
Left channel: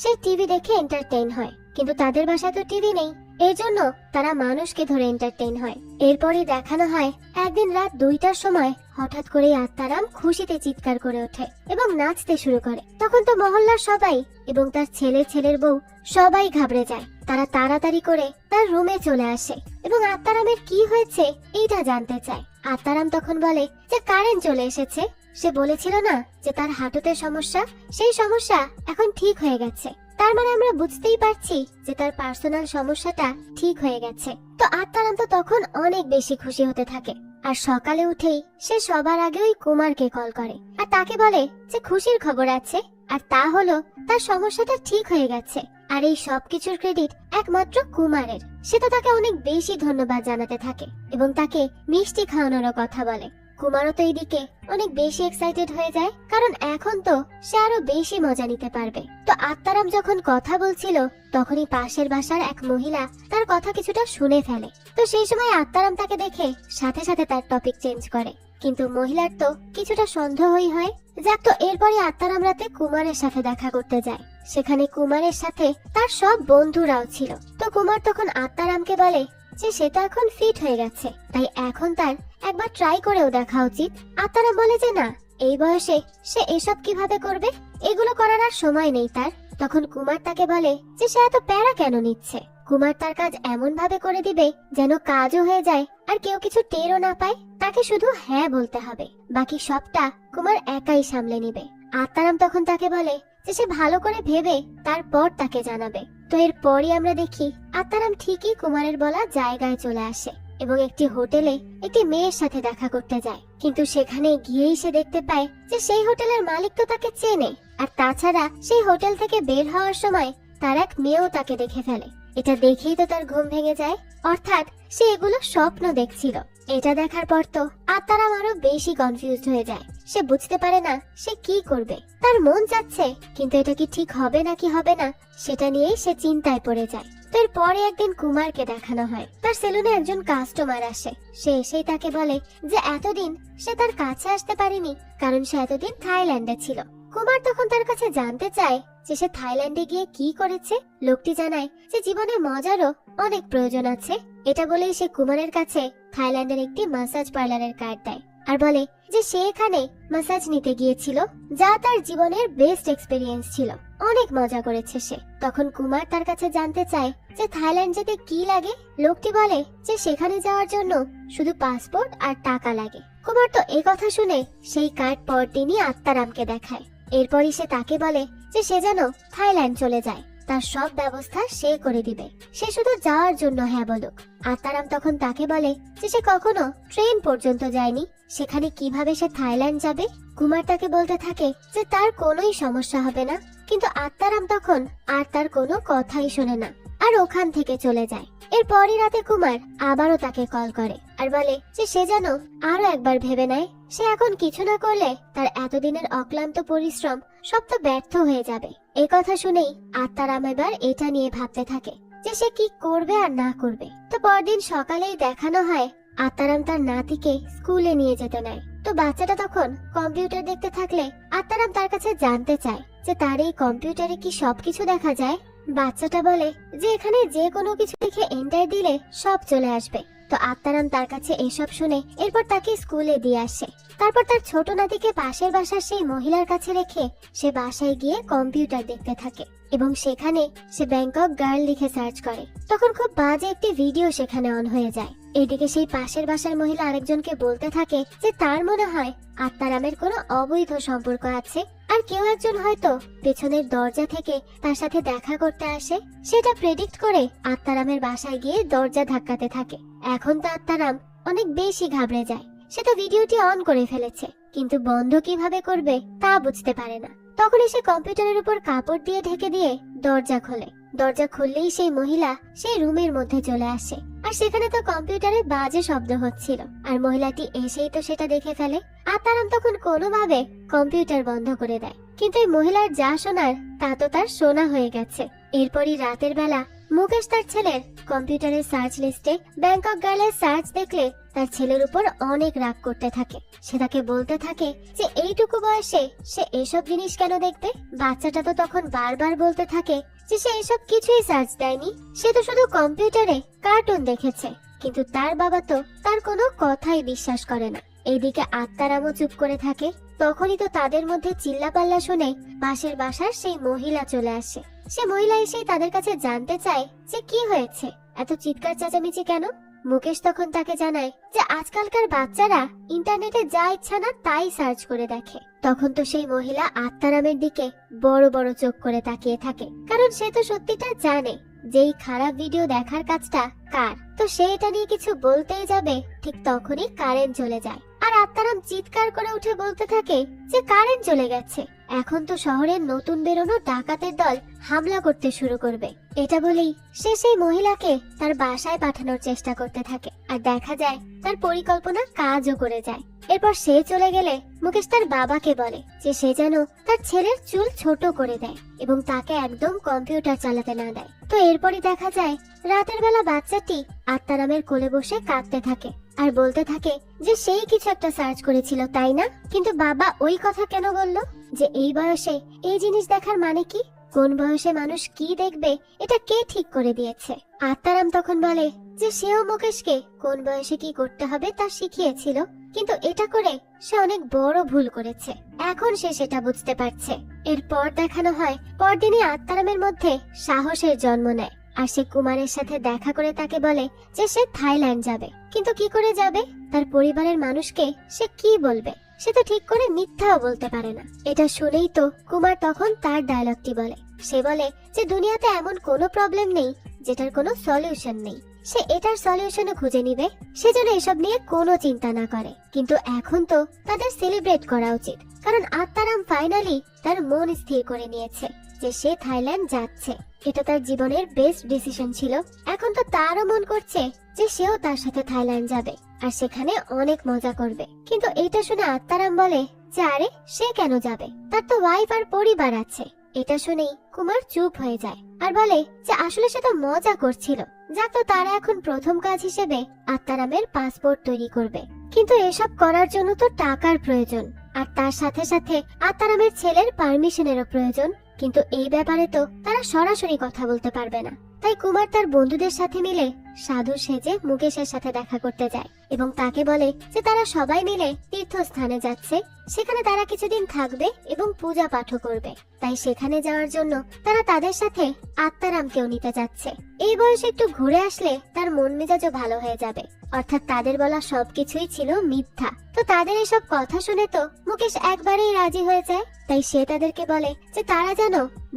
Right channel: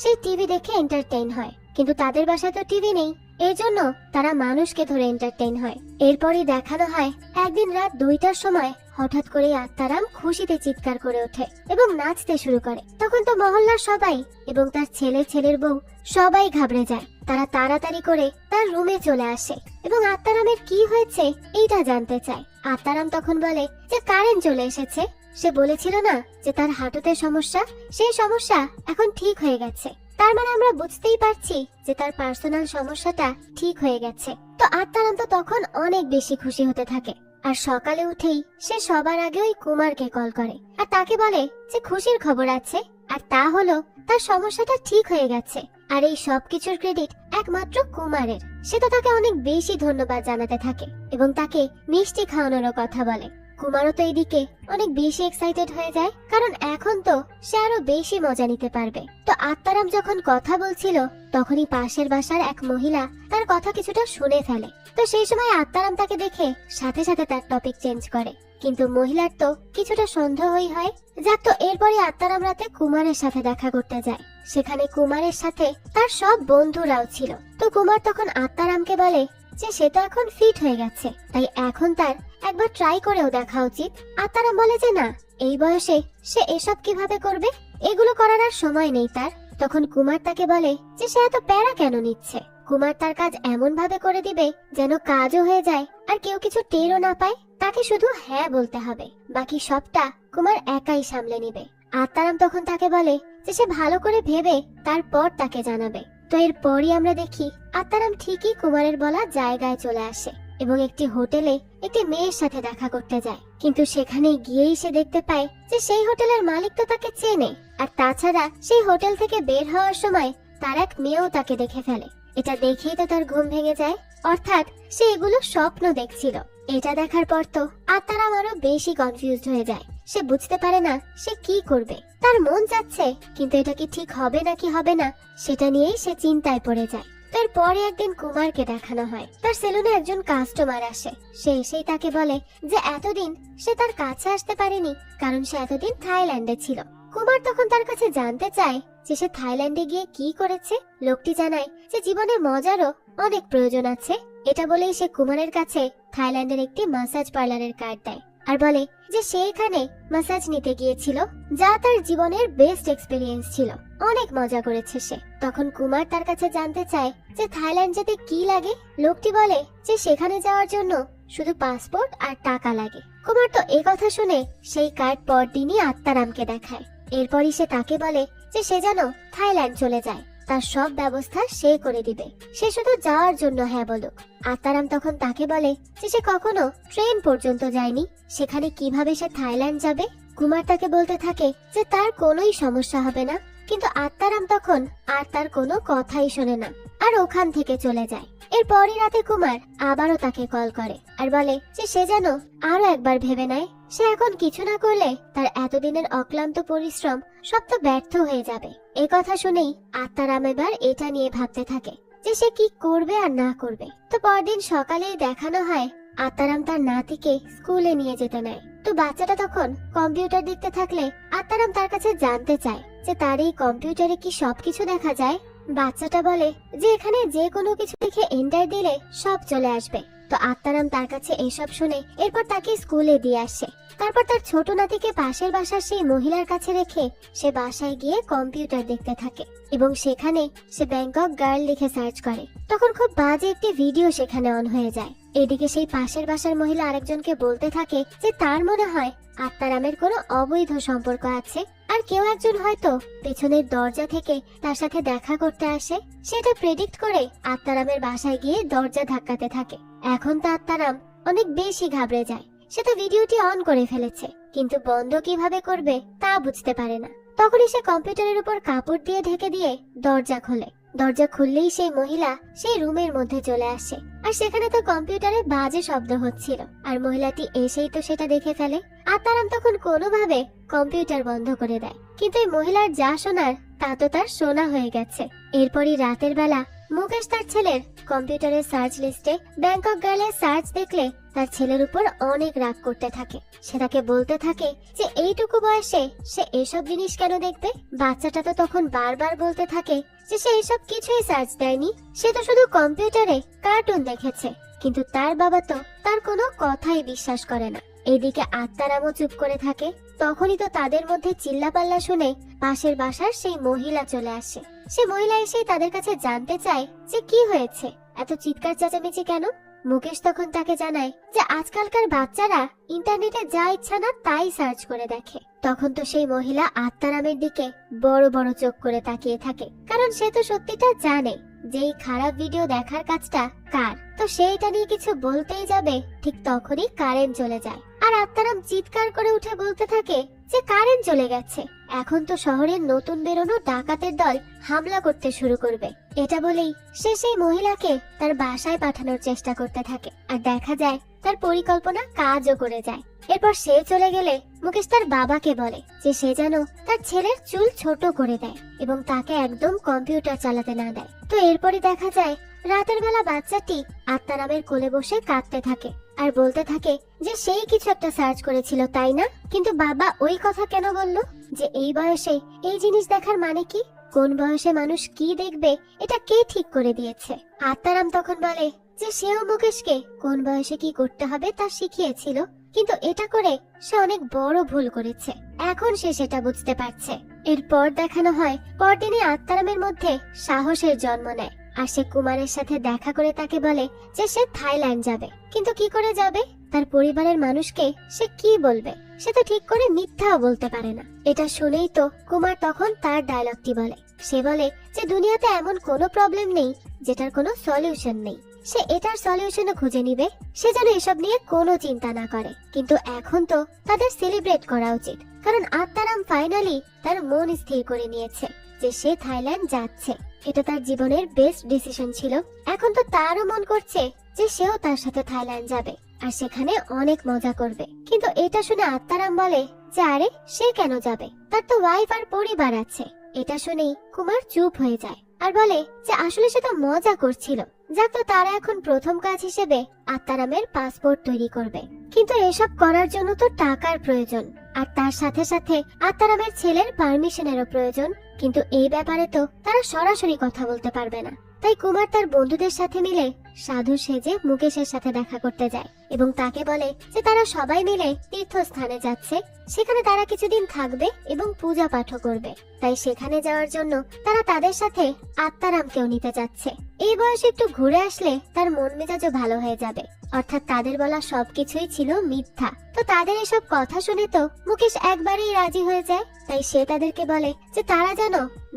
সে টিভি দেখে এন্টারটেইন হয়, কিন্তু তাদের বাসায় তো টিভি নেই, এর জন্য তারা মানুষকে ধরে এন্টারটেইন হয়। এরপরই দেখানো হয় একদিন রাত 2টার সময় হঠাৎ করে আত্মারাম খুশিতে চিৎকার করে ওঠে এবং নাচতে শুরু করে। তখন তো মহল্লার সবাই এবং তার ছেলের বউ সবাই ঘাবড়ে যায়। তারা তাড়াতাড়ি করে তার রুমে চলে আসে এবং আত্মারামের কি হয়েছে এইটা জানতে চায়। আত্মারাম তখন বলে যে কারেন্ট চলে এসেছে। সে বলেছিল না যে তার হাঁটুতে সমস্যা, সেই সমস্যা এখন ঠিক হয়ে গেছে। তার মানে আমরা বুঝতেই পারছি যে তার পার্সোনাল সমস্যাটা ঠিক হয়ে গেছে। তো আত্মারাম তো তখন অনেক বেশি খুশি হতে থাকে। আর সকালে উঠেই সে সবার আগে ওই কুমারকে কল করে আর তাকে বলে যে খুশির খবর আছে, আর তা হলো তার সমস্যাটা ঠিক হয়ে গেছে। আর এই সবকিছুর ক্রেডিট একমাত্র কুমারের। সে তো তাকে অনেক বেশি ধন্যবাদ জানাতে থাকে এবং তাকে মিষ্টি খাওয়ানোরও কথা বলে। কুমারও তো এইদিকে অনেক বেশি এক্সাইটেড হয়ে যায়, কারণ এখন তো সে আরো বেশি মজা নিতে পারবে। তো আত্মারাম যখন কথা বলছিল তখনই পাশের বাসার এক মহিলা তার কথা কিছুটা শুনে ফেলে। তো সেই সময় আত্মারাম তাকে দেখে সাথে সাথে তার টপিক চেঞ্জ করে, কিন্তু মহিলার তো কিছুটা সন্দেহই হয়। যাক, তো এরপরই আত্মারাম রাতে কুমারের সাথে দেখা করতে যায়। সেখানে কুমারের সাথে তার সব বন্ধুরাও ছিল। তো কুমার তখন আত্মারামকে বলে যে সে তো এখন ফিট হয়ে গেছে, তাই এখন তার একবার ট্রাই করেও দেখা উচিত। আত্মারাম বলে যে না, এই বয়সে সে এসব কিভাবে করবে, এগুলো করার আর সময় নেই তার। তখন কুমার তাকে বলে যে সে এত প্যারা কেন নিচ্ছে। কুমার তার কাজ এমন ভাবে করে দিবে যেন কাজও হয়ে যায় আর কেউ কিছু টেরও না পায়। তাকে শুধু হ্যাঁ বলতে হবে, বাকি সবটা কুমার একাই সামলে নিবে। আত্মারাম তখন তাকে বলে যে সে ভালো করে ভেবে তারপর তাকে জানাবে। তো এরপরই আমরা দেখি আত্মারাম ঠিকই কুমারের বলা জায়গায় চলে আসে এবং একটি হোটেলে একটি মেয়ের সাথে দেখা করতে যায়। কিন্তু সেখানে গিয়েই সে দেখতে পায় যে সেই হোটেলের মালিক তো তাকে চেনে, আর তাছাড়া সেই হোটেল থেকে বের হওয়ার সময় তার এক মেয়েও তাকে দেখে ফেলে। এটা দেখেই তো তার ঘুম ভেঙে যায়, অর্থাৎ সে এগুলো স্বপ্ন দেখছিল। এটা দেখার পর তো আত্মারাম আরো বেশি কনফিউজড হয়ে যায়। সে বুঝতে পারে না সে কি করবে। তার মন যাচ্ছে, কিন্তু এটা কি ঠিক হবে নাকি হবে না সেটা নিয়েই সে চিন্তায় পড়ে যায়। তারপরে একদিন কুমারকে দেখানো হয় তার সেলুনে একজন কাস্টমার আসে। সে এসেই তাকে বলে যে এতদিন সে তার কাছে আসতে পারেনি কারণ সে এতদিন থাইল্যান্ডে ছিল। কুমার তখন তার কাছে জানতে চায় যে সে থাইল্যান্ডে গিয়ে কি করেছে। লোকটি জানায় যে জীবনে মজারও অনেক প্রয়োজন আছে। এটা বলে সে কুমারের কাছে থাইল্যান্ডের একটি ম্যাসাজ পার্লারের কার্ড দেয় আর বলে যে সে এখানে ম্যাসাজ নিতে গিয়েছিল, যা তার জীবনের বেস্ট এক্সপেরিয়েন্স ছিল। অনেক মজা করেছে সে। তখন কুমার তার কাছে জানতে চায় যে থাইল্যান্ড যেতে কি লাগে। লোকটি বলে যে সেখানে যাওয়ার জন্য শুধু পাসপোর্ট আর টাকা লাগে। কুমার তো এই কথা শুনে সেই কার্ড পরদিনই আত্মারামকে দেখায়। এরপরই সে তাকে বলে যে সে যেন থাইল্যান্ড চলে যায়, তার সব ব্যবস্থা সে করে দিবে, সে শুধু যাওয়ার জন্য হ্যাঁ বলুক। আত্মারাম তখন তাকে বলে যে সে কখনো ট্রেন পর্যন্ত যায়নি, সেখানে কিভাবে সে থাইল্যান্ড যাবে। কুমার তাকে বলতে থাকে যে তার কোনোই সমস্যা হবে না, কিন্তু আত্মারাম তখন আর তার কোনো কথাই শোনে না আর ওখান থেকে চলে যায়। এরপরই রাতে কুমার আবারও তাকে কল করে আর বলে যে সে যেন আরো একবার ভেবে নেয়। সে এখন কিছু না করলে তার এতদিনের অক্লান্ত পরিশ্রম সব তো ব্যর্থ হয়ে যাবে। এই কথা শুনেই আত্মারাম এবার এটা নিয়ে ভাবতে থাকে যে সে কি করবে আর না করবে। তো পরদিন সকালেই দেখানো হয় আত্মারাম তার নাতিকে স্কুলে নিয়ে যেতে নেয়। তো বাচ্চাটা তখন কম্পিউটার দেখতে থাকলে আত্মারাম তার কাছে জানতে চায় যে তার এই কম্পিউটারে কি সবকিছু দেখা যায়। বাচ্চাটা বলে যে এখানে যে কোনো কিছু লিখে এন্টার দিলে সব চলে আসবে। তো আত্মারাম তার কাছে এসব শুনে এরপর তাকে স্কুলে দিয়ে আসে। তারপর তার ছোট নাতিকে পাশের বাসার সেই মহিলার কাছে রেখে সে বাসায় গিয়ে কম্পিউটার দেখতে থাকে এবং সেখানে সে ব্যাংকক গার্ল লিখে সার্চ করে। তখন খুব বাজে একটি ভিডিও সেখানে অন হয়ে যায়। এদিকে সেই পাশের বাসার মহিলা আরেকজনকে বলতে থাকে যে তার মনে হয় আত্মারামের কোনো অবৈধ সম্পর্ক আছে আর কেউ একজন হয়তো পেছনের দরজা থেকে তার সাথে দেখা করতে আসে। সেটা প্রেডিক্ট করে আত্মারামের বাসায় গিয়ে দরজা ধাক্কাতে থাকে। এখন তো আত্মারাম অনেক বেশি ঘাবড়ে যায়। সে তো ভিডিওটি অন করে ফেলেছে, কিন্তু বন্ধ কিভাবে করবে তা বুঝতে পারে না। তখনই সে কম্পিউটারের উপর কাপড় দিয়ে ঢেকে দিয়ে দরজা খোলে। দরজা খুললেই সেই মহিলা সেই রুমের মধ্যে চলে আসে। আর সেখানে তো কম্পিউটারে বাজে শব্দ হচ্ছিল, আর মহিলাটি এসেই তো সেটা দেখে ফেলে। আত্মারাম তখন কোনোভাবে কম্পিউটার বন্ধ করে দেয়, কিন্তু এই মহিলার যা শোনার তা তো তার শোনা হয়ে গেছে। এরপরই রাতের বেলা মুকেশ তার ছেলের কম্পিউটারের সার্চ লিস্টে ব্যাংকক গার্লের সার্চ দেখলে তার ছেলের উপর অনেক রাগ করতে থাকে। সে তাকে বলতে থাকে যে এইটুকু বয়সে সে এসব জিনিস কেন দেখবে। বাচ্চাটা তো তখন বারবার বলতে থাকে যে সে এসব কিছুই সার্চ দেয়নি, সে তো শুধু কম্পিউটারে কার্টুন দেখেছে। কিন্তু তার বাবা তো তার কোনো কথাই বিশ্বাস করে না। এদিকে আত্মারামও চুপ করে থাকে। তখনই তো তাদের মধ্যে চিল্লাপাল্লা শুনে পাশের বাসার সেই মহিলা চলে আসে। সে মহিলা এসে তাদের কাছে জানতে চায় যে কি হয়েছে, এত চিৎকার চেঁচামেচি কেন। মুকেশ তখন তাকে জানায় যে আজকালকার বাচ্চারা ইন্টারনেটে যা ইচ্ছা না তাই সার্চ করে দেখে। তখন তো সেই মহিলা আত্মারামের দিকে বড় বড় চোখ করে তাকিয়ে থাকে, কারণ সে তো সত্যিটা জানে যে এই খারাপ ভিডিও দেখার কাজটা কার। তো সে এটা নিয়ে কিছু বলতেই যাবে, ঠিক তখনই কারেন্ট চলে যায়। আর আত্মারাম চিৎকার করে উঠে বলতে থাকে যে কারেন্ট চলে গেছে, এখন তো শহরের নতুন বেরোনো ডাকাতের দল হামলা করতে শুরু করবে। এটা বলেই সে সেই মহিলাকে তার বাসায় পাঠানোর চেষ্টা করতে থাকে। আর দেখা যায় তার পরিকল্পনা কাজও করে যায়। এরপর সে চলে গেলে মুকেশ তার বাবাকে বলে যে সে যেন তার ছেলের চুল ছোট করে দেয় এবং তাকে একদম কম্পিউটার চালাতে না দেয়। তো এরপরই দেখা যায় রাতের বেলা বাচ্চাটি আত্মারামের কোলে বসে কাঁদতে থাকে আর বলতে থাকে যে সেই কিছু একটা সার্চ করেছিল, তাই না? কিন্তু বাবা ওই কথা কেন বললো যে এই বয়সে এই জিনিস দেখার মানে কি? কোন বয়সে মানুষ কি দেখবে এটা কে ঠিক করে দিয়েছে? আত্মারাম তখন বলে যে সেও মুকেশকে কোন বয়সে কি করতে হবে তা শিখিয়েছিল, কিন্তু এটা করে সে অনেক বড় ভুল করেছে। এখন সে সেটা বুঝতে পারছে। এরপর দেখানো হয় পরদিনই আত্মারামের মধ্যে সাহসের জন্ম নেয়। আর সে কুমারের সাথে দেখা করে তাকে বলে যে সে থাইল্যান্ড যাবে। কিন্তু কি করে যাবে? তার পরিবারের মানুষকে সে কি বলবে? সে তো ঠিক করে মিথ্যাও বলতে পারে না। এটা শুনেই তো কুমার তখন তার ডায়লগটি বলে। সে বলে যে দুনিয়াতে এমন কোনো প্রবলেম নেই যেটার কোনো সলিউশন নেই। সে এটার সলিউশনও খুঁজে নিবে। সে যেন এসব নিয়ে কোনো চিন্তা না করে। কিন্তু এখন তো তাদের সেলিব্রেট করা উচিত, কারণ আত্মারাম ফাইনালি তার মন স্থির করে নিয়েছে যে সে থাইল্যান্ড যাচ্ছে। এটা তার জীবনের বেস্ট ডিসিশন ছিল। এখন তো তারও মন করছে যে সেও তার সাথে থাইল্যান্ড যাবে আর সেখানে অনেক মজা করবে। কিন্তু এটা শুনে আত্মারাম বলে যে আরে সে কেন যাবে, তার তো ওয়াইফ আর পরিবার আছে। এটা শুনেই কুমার চুপ হয়ে যায় আর বলে যে আসলে সে তো মজা করছিল। যাক, তো তারা এখন প্রথম কাজ হিসেবে আত্মারামের পাসপোর্ট তৈরি করবে। কিন্তু এসব করার জন্য তো টাকার প্রয়োজন, আর তার সাথে সাথে আত্মারামের ছেলের পারমিশনেরও প্রয়োজন। কিন্তু এই ব্যাপারে তো তারা সরাসরি কথা বলতে পারবে না। তাই কুমার তার বন্ধুদের সাথে মিলে সাধু সেজে মুকেশের সাথে দেখা করতে যায় এবং তাকে বলে যে তারা সবাই মিলে তীর্থস্থানে যাচ্ছে, সেখানে তারা কিছুদিন থাকবে এবং পূজা পাঠও করবে। তাই সেখানে যাওয়ার জন্য তারা তাদের সাথে আত্মারামকেও নিতে যাচ্ছে। এই বয়সে একটু ঘুরে আসলে তার মন মেজাজও ভালো হয়ে যাবে। অর্থাৎ তাদের বলা সবকিছুই ছিল মিথ্যা। তো তাদের এসব কথা শুনে তো মুকেশ একবারেই রাজি হয়ে যায়। তাই সে তাদেরকে বলে যে তারা যেন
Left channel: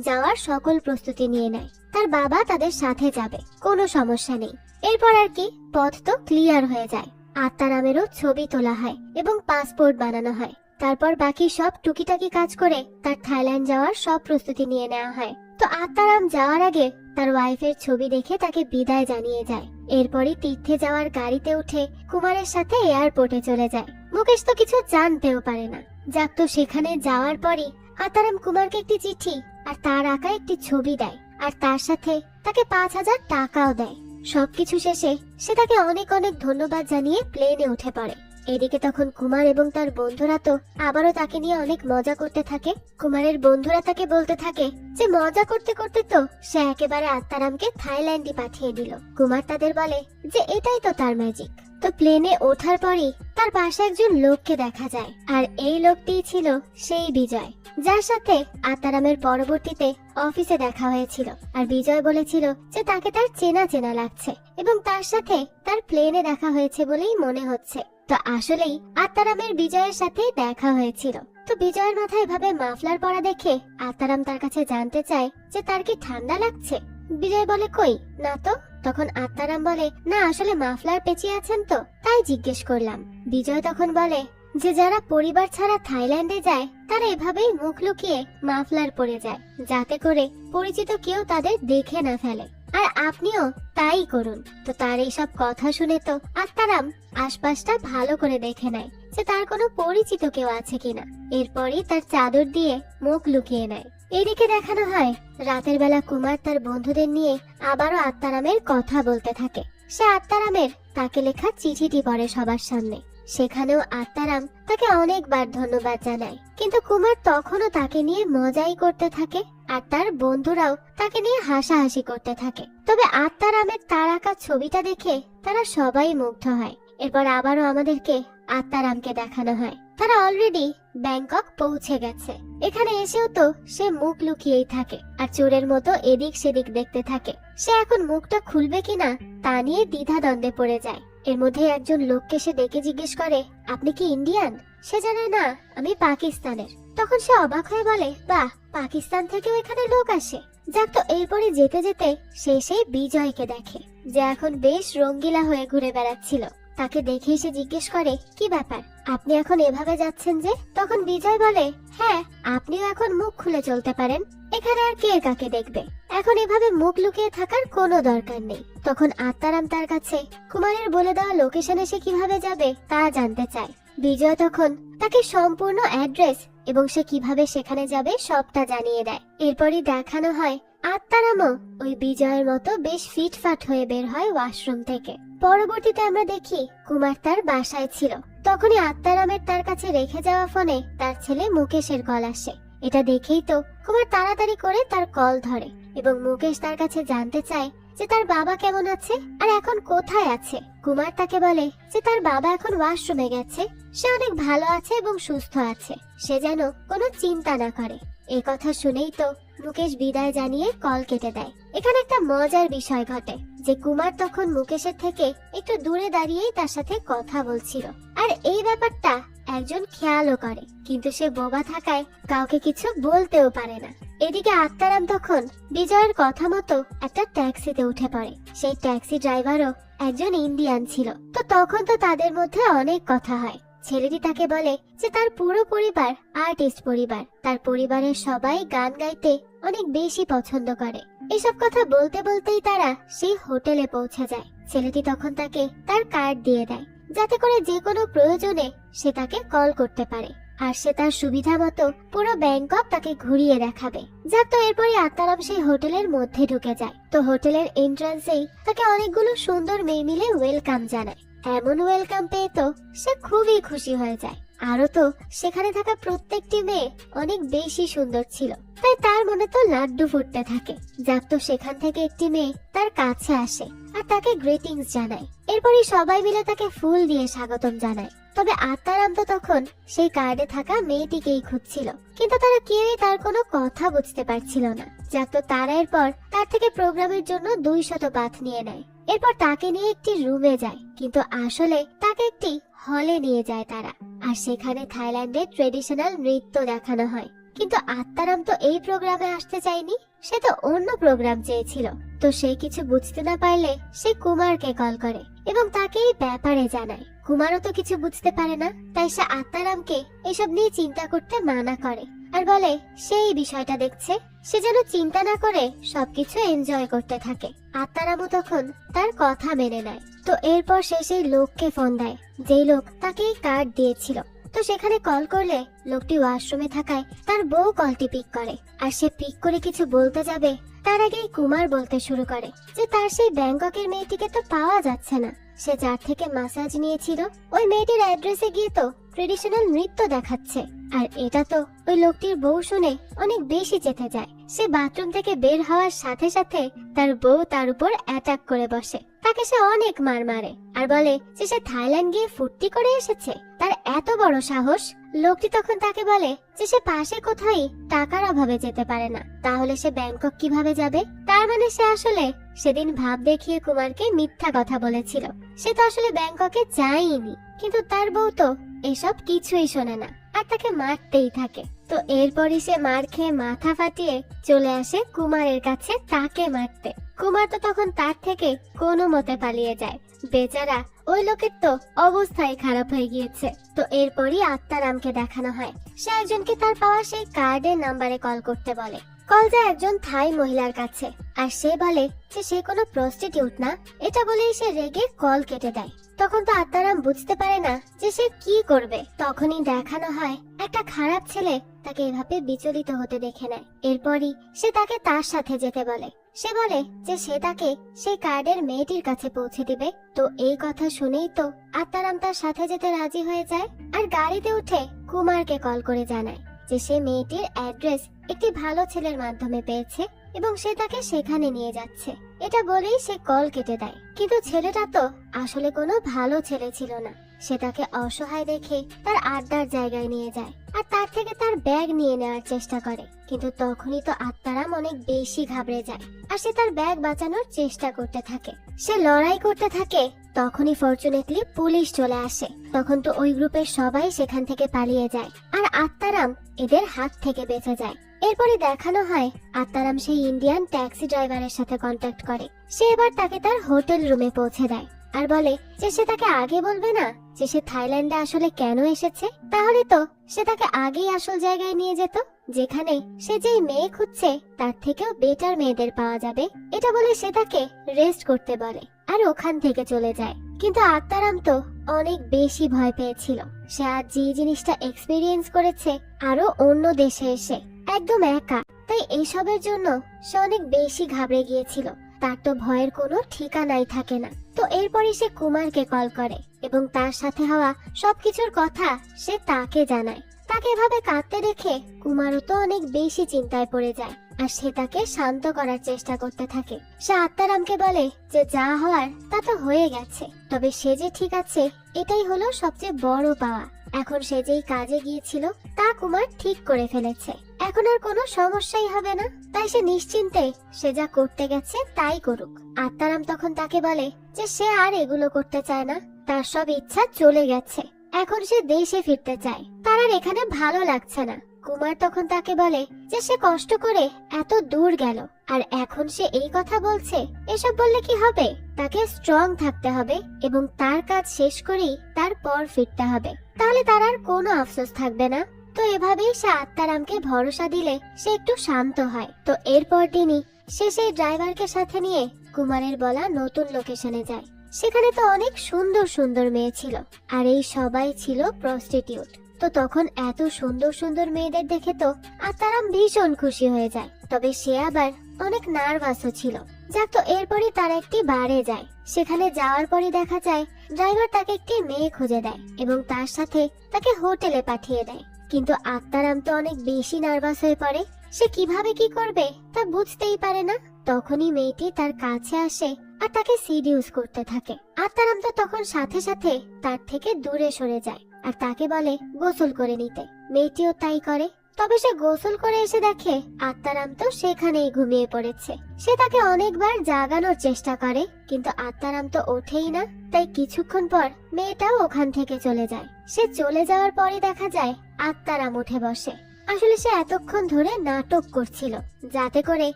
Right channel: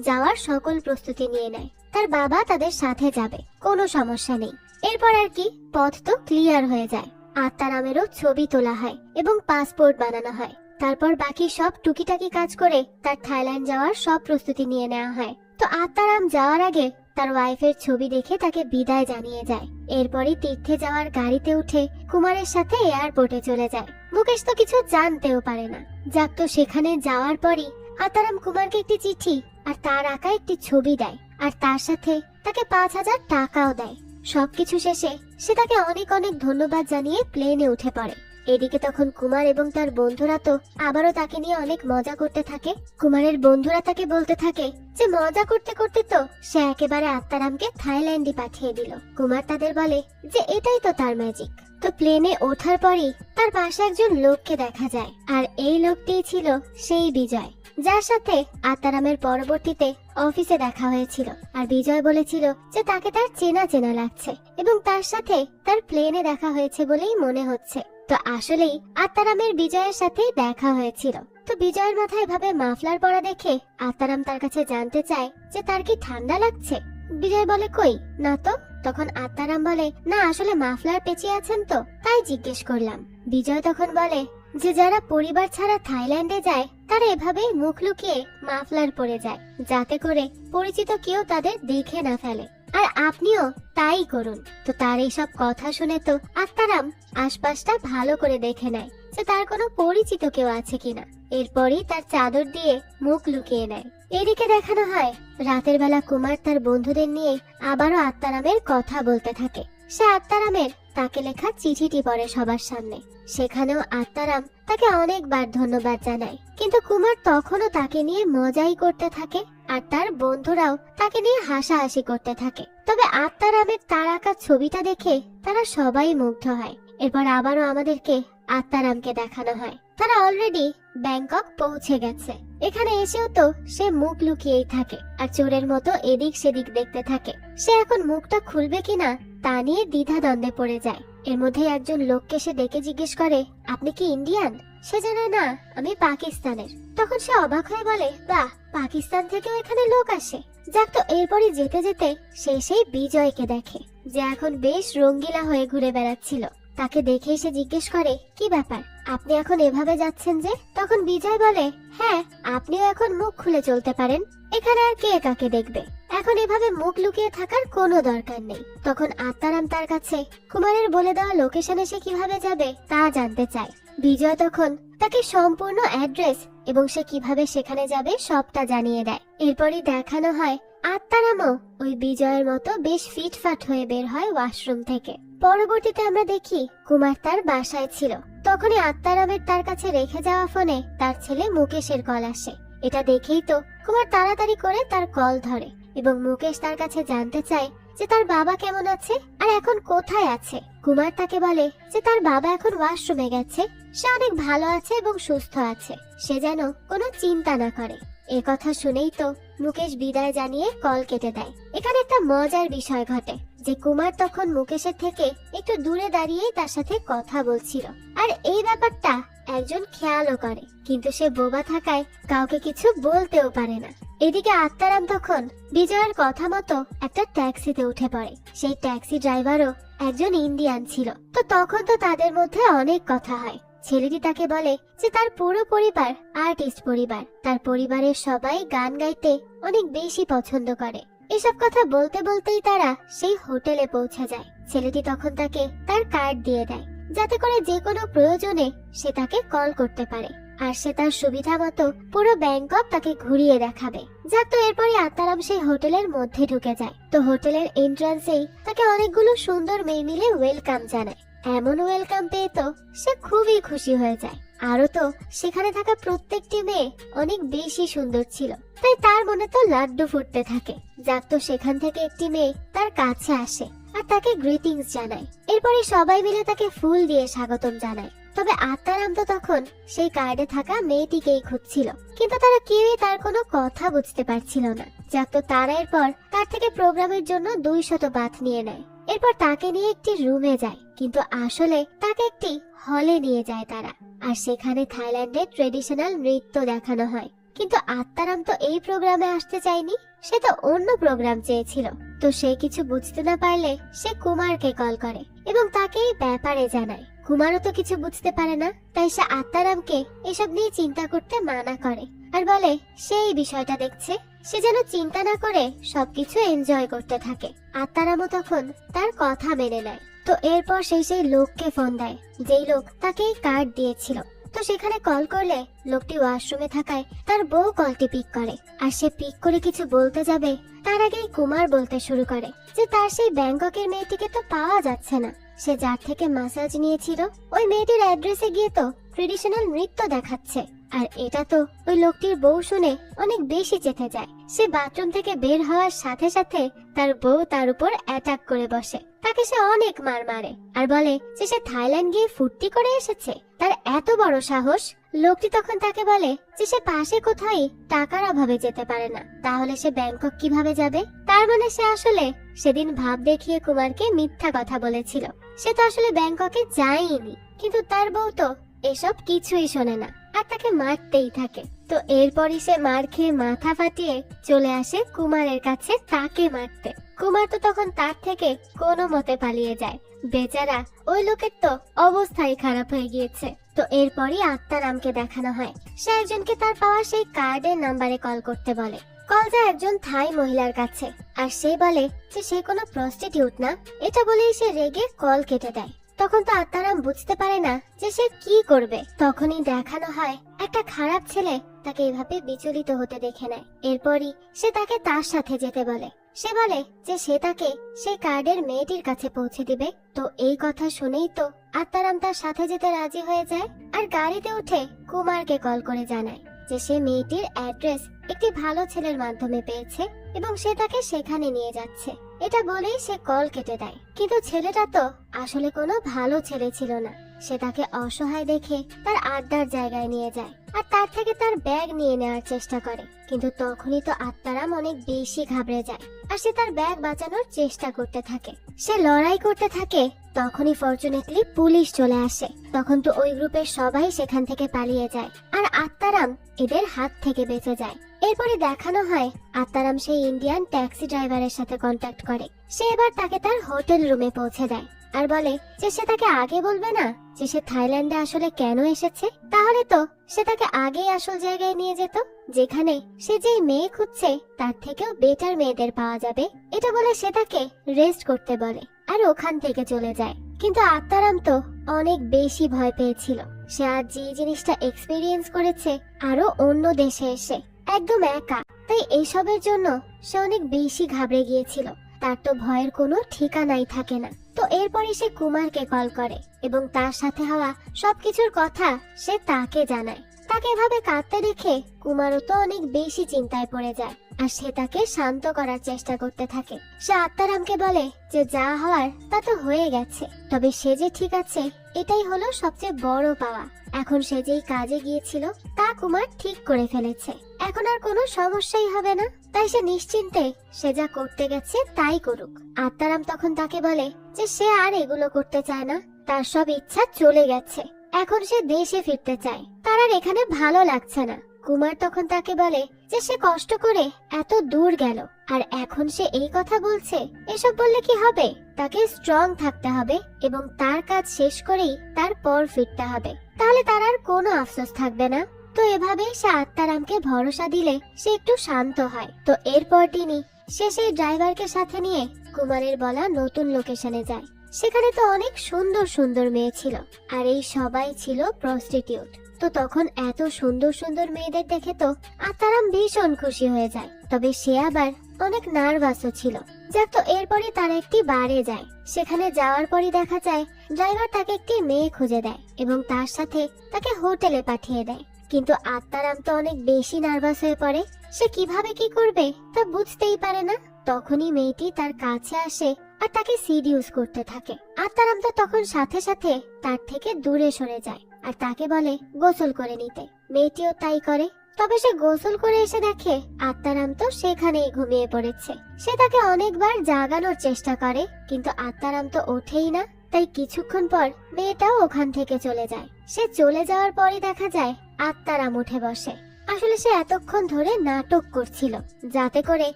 যাওয়ার সকল প্রস্তুতি নিয়ে নেয়। তার বাবা তাদের সাথে যাবে, কোনো সমস্যা নেই। এরপর আর কি, পথ তো ক্লিয়ার হয়ে যায়। আত্মারামেরও ছবি তোলা হয় এবং পাসপোর্ট বানানো হয়। তারপর বাকি সব টুকিটাকি কাজ করে তার থাইল্যান্ড যাওয়ার সব প্রস্তুতি নিয়ে নেওয়া হয়। তো আত্মারাম যাওয়ার আগে তার ওয়াইফের ছবি দেখে তাকে বিদায় জানিয়ে যায়। এরপরই তীর্থে যাওয়ার গাড়িতে উঠে কুমারের সাথে এয়ারপোর্টে চলে যায়। মুকেশ তো কিছু জানতেও পারে না। যাক, তো সেখানে যাওয়ার পরই আত্মারাম কুমারকে একটি চিঠি আর তার আঁকা একটি ছবি দেয়, আর তার সাথে তাকে 5000 টাকাও দেয়। সবকিছু শেষে সে তাকে অনেক অনেক ধন্যবাদ জানিয়ে প্লেনে উঠে পড়ে। এদিকে তখন কুমার এবং তার বন্ধুরা তো আবারও তাকে নিয়ে অনেক মজা করতে থাকে। কুমারের বন্ধুরা তাকে বলতে থাকে যে মজা করতে করতে তো সে একেবারে আত্মারামকে থাইল্যান্ডে পাঠিয়ে দিল। কুমার তাদের বলে যে এটাই তো তার ম্যাজিক। তো প্লেনে ওঠার পরই তার পাশে একজন লোককে দেখা যায়, আর এই লোকটিই ছিল সেই বিজয়, যার সাথে আত্মারামের পরবর্তীতে অফিসে দেখা হয়েছিল। আর বিজয় বলেছিল যে তাকে তার চেনা চেনা লাগছে এবং তার সাথে তার প্লেনে দেখা হয়েছে বলেই মনে হচ্ছে। তো আসলেই আত্মারামের বিজয়ের সাথে দেখা হয়েছিল। তো বিজয়ের মাথায় এভাবে মাফলার পরা দেখে আত্মারাম তার কাছে জানতে চায় যে তার কি ঠান্ডা লাগছে। বিজয় বলে কই না তো। তখন আত্মারাম বলে না আসলে মাফলার পেঁচিয়ে আছেন তো তাই জিজ্ঞেস করলাম। বিজয় তখন বলে যে যারা পরিবার ছাড়া থাইল্যান্ডে যায় তারা এভাবেই মুখ লুকিয়ে মাফলার পরে যায় যাতে করে পরিচিত কেউ তাদের দেখে না ফেলে, আর আপনিও তাই করুন। তো তার এইসব কথা শুনে তো আত্মারাম আশপাশটা ভালো করে দেখে নেয় যে তার কোনো পরিচিত কেউ আছে কিনা। এরপরই তার চাদর দিয়ে মুখ লুকিয়ে নেয়। এদিকে দেখানো হয় রাতের বেলা কুমার তার বন্ধুদের নিয়ে আবারও আত্মারামের কথা বলতে থাকে। সে আত্মারামের তাকে লেখা চিঠিটি পড়ে সবার সামনে। সেখানেও আত্মারাম তাকে অনেকবার ধন্যবাদ জানায়, কিন্তু কুমার তখনও তাকে নিয়ে মজাই করতে থাকে আর তার বন্ধুরাও তাকে নিয়ে হাসাহাসি করতে থাকে। তবে আত্মারামের তার আঁকা ছবিটা দেখে তারা সবাই মুগ্ধ হয়। এরপর আবারও আমাদেরকে আত্মারামকে দেখানো হয় তারা অলরেডি ব্যাংকক পৌঁছে গেছে। এখানে এসেও তো সে মুখ লুকিয়েই থাকে আর চোরের মতো এদিক সেদিক দেখতে থাকে। সে এখন মুখটা খুলবে কিনা তা নিয়ে দ্বিধাদ্বন্দ্বে পড়ে যায়। এর মধ্যে একজন লোককে সে ডেকে জিজ্ঞেস করে আপনি কি ইন্ডিয়ান? সে জানায় না আমি পাকিস্তানের। তখন সে অবাক হয়ে বলে বাহ, পাকিস্তান থেকেও এখানে লোক আসে। যাক, তো এরপরে যেতে যেতে সে সেই বিজয়কে দেখে যে এখন বেশ রঙ্গিলা হয়ে ঘুরে বেড়াচ্ছিল। তাকে দেখে সে জিজ্ঞেস করে কি ব্যাপার, আপনি এখন এভাবে যাচ্ছেন যে? তখন বিজয় বলে হ্যাঁ, আপনিও এখন মুখ খুলে চলতে পারেন, এখানে আর কে কাকে দেখবে, এখন এভাবে মুখ লুকিয়ে থাকার কোনো দরকার নেই। তখন আত্মারাম তার কাছে কুমারের বলে দেওয়া লোকেশনে সে কিভাবে যাবে তা জানতে চায়। বিজয় তখন তাকে সম্পূর্ণ অ্যাড্রেস এবং সে কিভাবে সেখানে যাবে সবটা জানিয়ে দেয়। এরপরই দেখানো হয় আত্মারামও ওই বিজয়ের মতো বেশ ফিটফাট হয়ে বের হয় ওয়াশরুম থেকে। পরবর্তীতে আমরা দেখি কুমার তার বাসায় ছিল। তখনই আত্মারামের তার কাছে রেখে যাওয়া ফোনে তার ছেলে মুকেশের কল আসে। এটা দেখেই তো কুমার তাড়াতাড়ি করে তার কল ধরে এবং মুকেশ তার কাছে জানতে চায় যে তার বাবা কেমন আছে আর এখন কোথায় আছে। কুমার তাকে বলে যে তার বাবা এখন ওয়াশরুমে গেছে, সে অনেক ভালো আছে এবং সুস্থ আছে, সে যেন কোনো চিন্তা না করে। এই কথা শুনেই তো মুকেশ বিদায় জানিয়ে কল কেটে দেয়। এখানে একটা মজার বিষয় ঘটে যে কুমার তখন মুকেশের থেকে একটু দূরে দাঁড়িয়েই তার সাথে কথা বলছিল, আর এই ব্যাপারটা একজন খেয়ালও করে, কিন্তু সে বোবা থাকায় কাউকে কিছু বলতেও পারে না। এদিকে আত্মারাম তখন বিজয়ের কথা মতো একটা ট্যাক্সিতে উঠে পড়ে। সেই ট্যাক্সি ড্রাইভারও একজন ইন্ডিয়ান ছিল। তো তখন তো তাদের মধ্যে অনেক কথা হয়। ছেলেটি তাকে বলে যে তার পুরো পরিবার আর্টিস্ট পরিবার, তার পরিবারের সবাই গান গাইতে অনেক বেশি পছন্দ করে। এসব কথা বলতে বলতেই তারা সেই হোটেলে পৌঁছে যায়। ছেলেটি তখন তাকে তার কার্ড দিয়ে দেয় যাতে করে যে কোনো প্রয়োজনে সে তাকে কল করতে পারে, আর সে তার সুবিধা মতো পুরো ব্যাংকক তাকে ঘুরিয়ে দেখাবে। যাক, তো এরপরে আত্মারাম সেই হোটেলের মধ্যে ঢুকে যায়। তো হোটেলের এন্ট্রান্সেই তাকে অনেকগুলো সুন্দর মেয়ে মিলে ওয়েলকাম জানায়। এমন ওয়েলকাম পেয়ে তো সে খুবই খুশি হয়ে যায়। আরো তো সেখানে থাকা প্রত্যেকটি মেয়ে অনেক বেশি সুন্দর ছিল, তাই তার মনে তো লাড্ডু ফুটতে থাকে। যাক, তো সেখান থেকে একটি মেয়ে তার কাছে আসে আর তাকে গ্রিটিংস জানায়। এরপরে সবাই মিলে তাকে ফুল দিয়ে স্বাগতম জানায়। তবে আত্মারাম তো তখন সেই কার্ডে থাকা মেয়েটিকেই খুঁজছিল, কিন্তু তারা কেউই তার কোনো কথা বুঝতে পারছিল না। যাক, তো তারা এরপর তার থেকে প্রোগ্রামের জন্য 200 বাথ নিয়ে নেয়। এরপর তাকে নিয়ে একটি রুমে যায়, কিন্তু আসলে তাকে একটি হলে নিয়ে যায় তারা, আর সেখানে থাইল্যান্ডের ট্রেডিশনাল নৃত্য দেখানো হয়। কিন্তু আত্মারাম তো এই প্রোগ্রামে আসতে চায়নি, সে তো অন্য প্রোগ্রাম চেয়েছিল। তো সে কিছু বুঝতে না পারলে সে কুমারকে কল করে এবং তাকে এই ব্যাপারে জানায়। কুমারও তো কিছু বুঝতে পারে না, তাই সে আত্মারামকে এসব নিয়ে চিন্তা করতে মানা করে আর বলে সে এই বিষয়টা দেখছে, সে যেন চিন্তা না করে সবকিছু এনজয় করতে থাকে। আত্মারামও তখন তার কথা মেনে নেয়। তো এরপর সে সেই লোককে ফোন দেয় যেই লোক তাকে এই কার্ড দিয়েছিল। তো সেখানে কল করলে লোকটি ওয়াশরুমে থাকায় তার বউ কলটি পিক করে, আর সে পিক করে কিছু বলতে যাবে তার আগেই কুমার বলতে শুরু করে যে তার সেই ব্যাংককের মেয়েটিকে তো পাওয়া যাচ্ছে না। সে যার থেকে মাসাজ নিয়েছিল ওই মেয়েটির অ্যাড্রেসে গিয়ে তো ট্রেডিশনাল নৃত্য দেখাচ্ছে, আর এটা তো ওই লোকটির বউ শুনে অনেক বেশি চেতে যায়। সে বাথরুম থেকে বের হওয়ার সাথে সাথে তার বউ তার উপর অ্যাটাক করে বসে। তাকে সে অনেক মার মারে আর বলে যে সে থাইল্যান্ড গিয়ে ফুর্তি করে এসেছে, তার এত বড় সাহস। লোকটি তখন তাকে বলে যে সে পাশে কোথাও টাকার অভাবে যেতে পারে না, তাহলে সে ব্যাংকক কিভাবে যাবে? তার মানে সে আসলে সেদিন ভাব দেখিয়ে কুমারকে মিথ্যা কথা বলেছিল। সে তো আসলে ব্যাংককে যায়নি, কিন্তু তার বউ তো এসব কিছুই শোনে না আর আর তাকে মারতেই থাকে। তো এরপরই সে মার খেয়ে মাথা ফাটিয়ে চলে আসে কুমারের কাছে তাকে মারতে। কুমার তো তখন তার থেকে কোনো মতে পালিয়ে যায়। বেচারা ওই লোকের তো অবস্থাই খারাপ হয়ে গিয়েছে। তো এরপরই আত্মারামকে দেখানো হয়, সে একজনকে তার পাওয়া সেই কার্ডের নাম্বারে কল করতে বলে। কল যায় একজন থাই মহিলার কাছে, আর সে বলে যে সে কোনো প্রস্টিটিউট না। এটা বলেই সে রেগে কল কেটে দেয়। তখন তো আত্মারাম বুঝতে পারে না যে সে কি করবে। তখনই দেখানো হয় একটা খারাপ ছেলে তাকে এভাবে বিচলিত হতে দেখে নেয়। এরপরই সে তাকে তার সাথে যেতে বলে। সে বলে যে সে তাকে সেই কার্ডের মেয়েটির কাছে পৌঁছে দিবে। তো এই কথা শুনেই তো আত্মারাম তার সাথে যেতে রাজি হয়ে যায়, আর গাড়িতে উঠে কুমারকে কল করে জানায় যে সে মেয়েটির অ্যাড্রেস একটি ভালো ছেলের মাধ্যমে পেয়েছে এবং সে তাকে সেখানে নিয়ে যাচ্ছে। এটা বলেই সে কল কেটে দেয়। কিন্তু ছেলেটা তো আসলে কোনো ভালো ছেলে ছিল না। সে তাকে অসহায় দেখে তার আড্ডার জায়গায় নিয়ে যায় আর তার থেকে তার ব্যাগ নিয়ে নেওয়ার চেষ্টা করে। কিন্তু তখনই তো আত্মারাম অনেক বেশি ঘাবড়ে যায় আর সে তার ব্যাগ বাঁচানোর চেষ্টা করতে থাকে। সে লড়াই করতে থাকে। তখনই ফরচুনেটলি পুলিশ চলে আসে। তখন তো ওই গ্রুপের সবাই সেখান থেকে পালিয়ে যায় আর আত্মারাম এদের হাত থেকে বেঁচে যায়। এরপরে দেখানো হয় আত্মারাম সেই ইন্ডিয়ান ট্যাক্সি ড্রাইভারের সাথে কন্ট্যাক্ট করে। সে এবার তাকে তার হোটেল রুমে পৌঁছে দেয় আর বলে যে সে তাকে আগে বলবে না যে সে থাইল্যান্ডে আসলে কেন এসেছে। তাহলে তো সে তাকে আগেই আসল জায়গায় নিয়ে যেত, যেখানে সে যেই মেয়ে খুঁজছে তার থেকেও বেটার মেয়েদের পাওয়া যাবে। এটা বলে সে তাকে রেস্ট করতে বলে আর ওখান থেকে চলে যায়। কিন্তু আত্মারাম তো অনেক বেশি ভয় পেয়েছিল। সে আজ যে জিনিসটা এক্সপেরিয়েন্স করেছে আরো অন্য দেশে এসে একদম একা, তাই এইসবের জন্য সে অনেক বেশি ঘাবড়ে গিয়েছিল। তার তো ভয়ের কোনো ঠিকানাই থাকে না। তো এরপরে সে কুমারকে কল করে এবং তার সাথে হওয়া সবকিছুর কথা সে তাকে জানায়। তাকে এভাবে কাঁদতে দেখে কুমারও তো অনেক বেশি চিন্তায় পড়ে যায় আর সে তাকে শান্ত করার চেষ্টা করতে থাকে। সে আত্মারামকে বলে যে যা হওয়ার তা তো হয়ে গেছে, তবে সে যে ঠিক আছে এটাই হলো সবচেয়ে বড় পাওয়া। এখন সে যেই কাজে গিয়েছিল তা কুমার ঠিক করে ফেলেছে, এখন আর কোনো সমস্যাই হবে না। তাই সে নিশ্চিন্তে সে যা করতে গেছে তাই করুক। আত্মারাম তখন তাকে বলে যে সে আর এগুলো করতে চায় না, তার সব ইচ্ছা চলে গেছে, এখন সে দেশে ফিরতে চায়, তার আর এখানে ভালো লাগছে না। কুমার তখন তাকে বলে যে সে কষ্ট করে এত দূর গেল আর এখন সে এই কথা বলছে, এসব বললে কি হবে? তাকে স্ট্রং থাকতে হবে এবং তার কাজ শেষ করেই তারপর ফিরতে হবে, তাহলে তার আর কোনো আফসোস থাকবে না। তো এভাবেই সে আত্মারামকে ভরসা দিলে সে একটু শান্ত হয়। তো এরপর তিনি সে সেই ড্রাইভারকে সাথে নিয়ে কুমারের বলা নতুন লোকেশনে যায়। সেখানে তো অনেক সুন্দর সুন্দর মেয়ে ছিল আর এই সবাই ছিল প্রস্টিটিউট। তো তখন এত সুন্দর সুন্দর মেয়েদের দেখে তো আত্মারাম ভীষণ খুশি হয়ে যায়, তবে সে আবার অনেক নার্ভাসও ছিল। যাক, তো এরপরই তারা একটি বারে যায়। সেখানে যাওয়ার পরই দেখা যায় ড্রাইভার তাকে একটি মেয়ে খুঁজে দেয় এবং তার সাথে তাকে হোটেলে পাঠিয়ে দেয়। কিন্তু আত্মারাম তো অনেক বেশি নার্ভাস হয়ে পড়ে, সে কিভাবে কি করবে তা বুঝতেই পারে না। তখনই মেয়েটি তার কাছে আসে আর তাকে সিডিউস করতে থাকে। আত্মারাম তো তখন সাথে সাথে তার থেকে দূরে সরে যায় আর তাকে বলে গোসল করে নিতে। মেয়েটিও তাই করে। তবে সে গোসল করে এসে দেখে আত্মারাম তো সেখানেই ঘুমিয়ে পড়েছে। সে তাকে অনেকবার জাগানোর চেষ্টা করে কিন্তু আত্মারাম তো ওঠেই না। তাই কিছুক্ষণ পর মেয়েটাও ওখান থেকে চলে যায়। সে চলে যাওয়ার পরই দেখা যায় আত্মারাম উঠে বসে। আসলে সে এতক্ষণ ধরে নাটক করছিল যাতে করে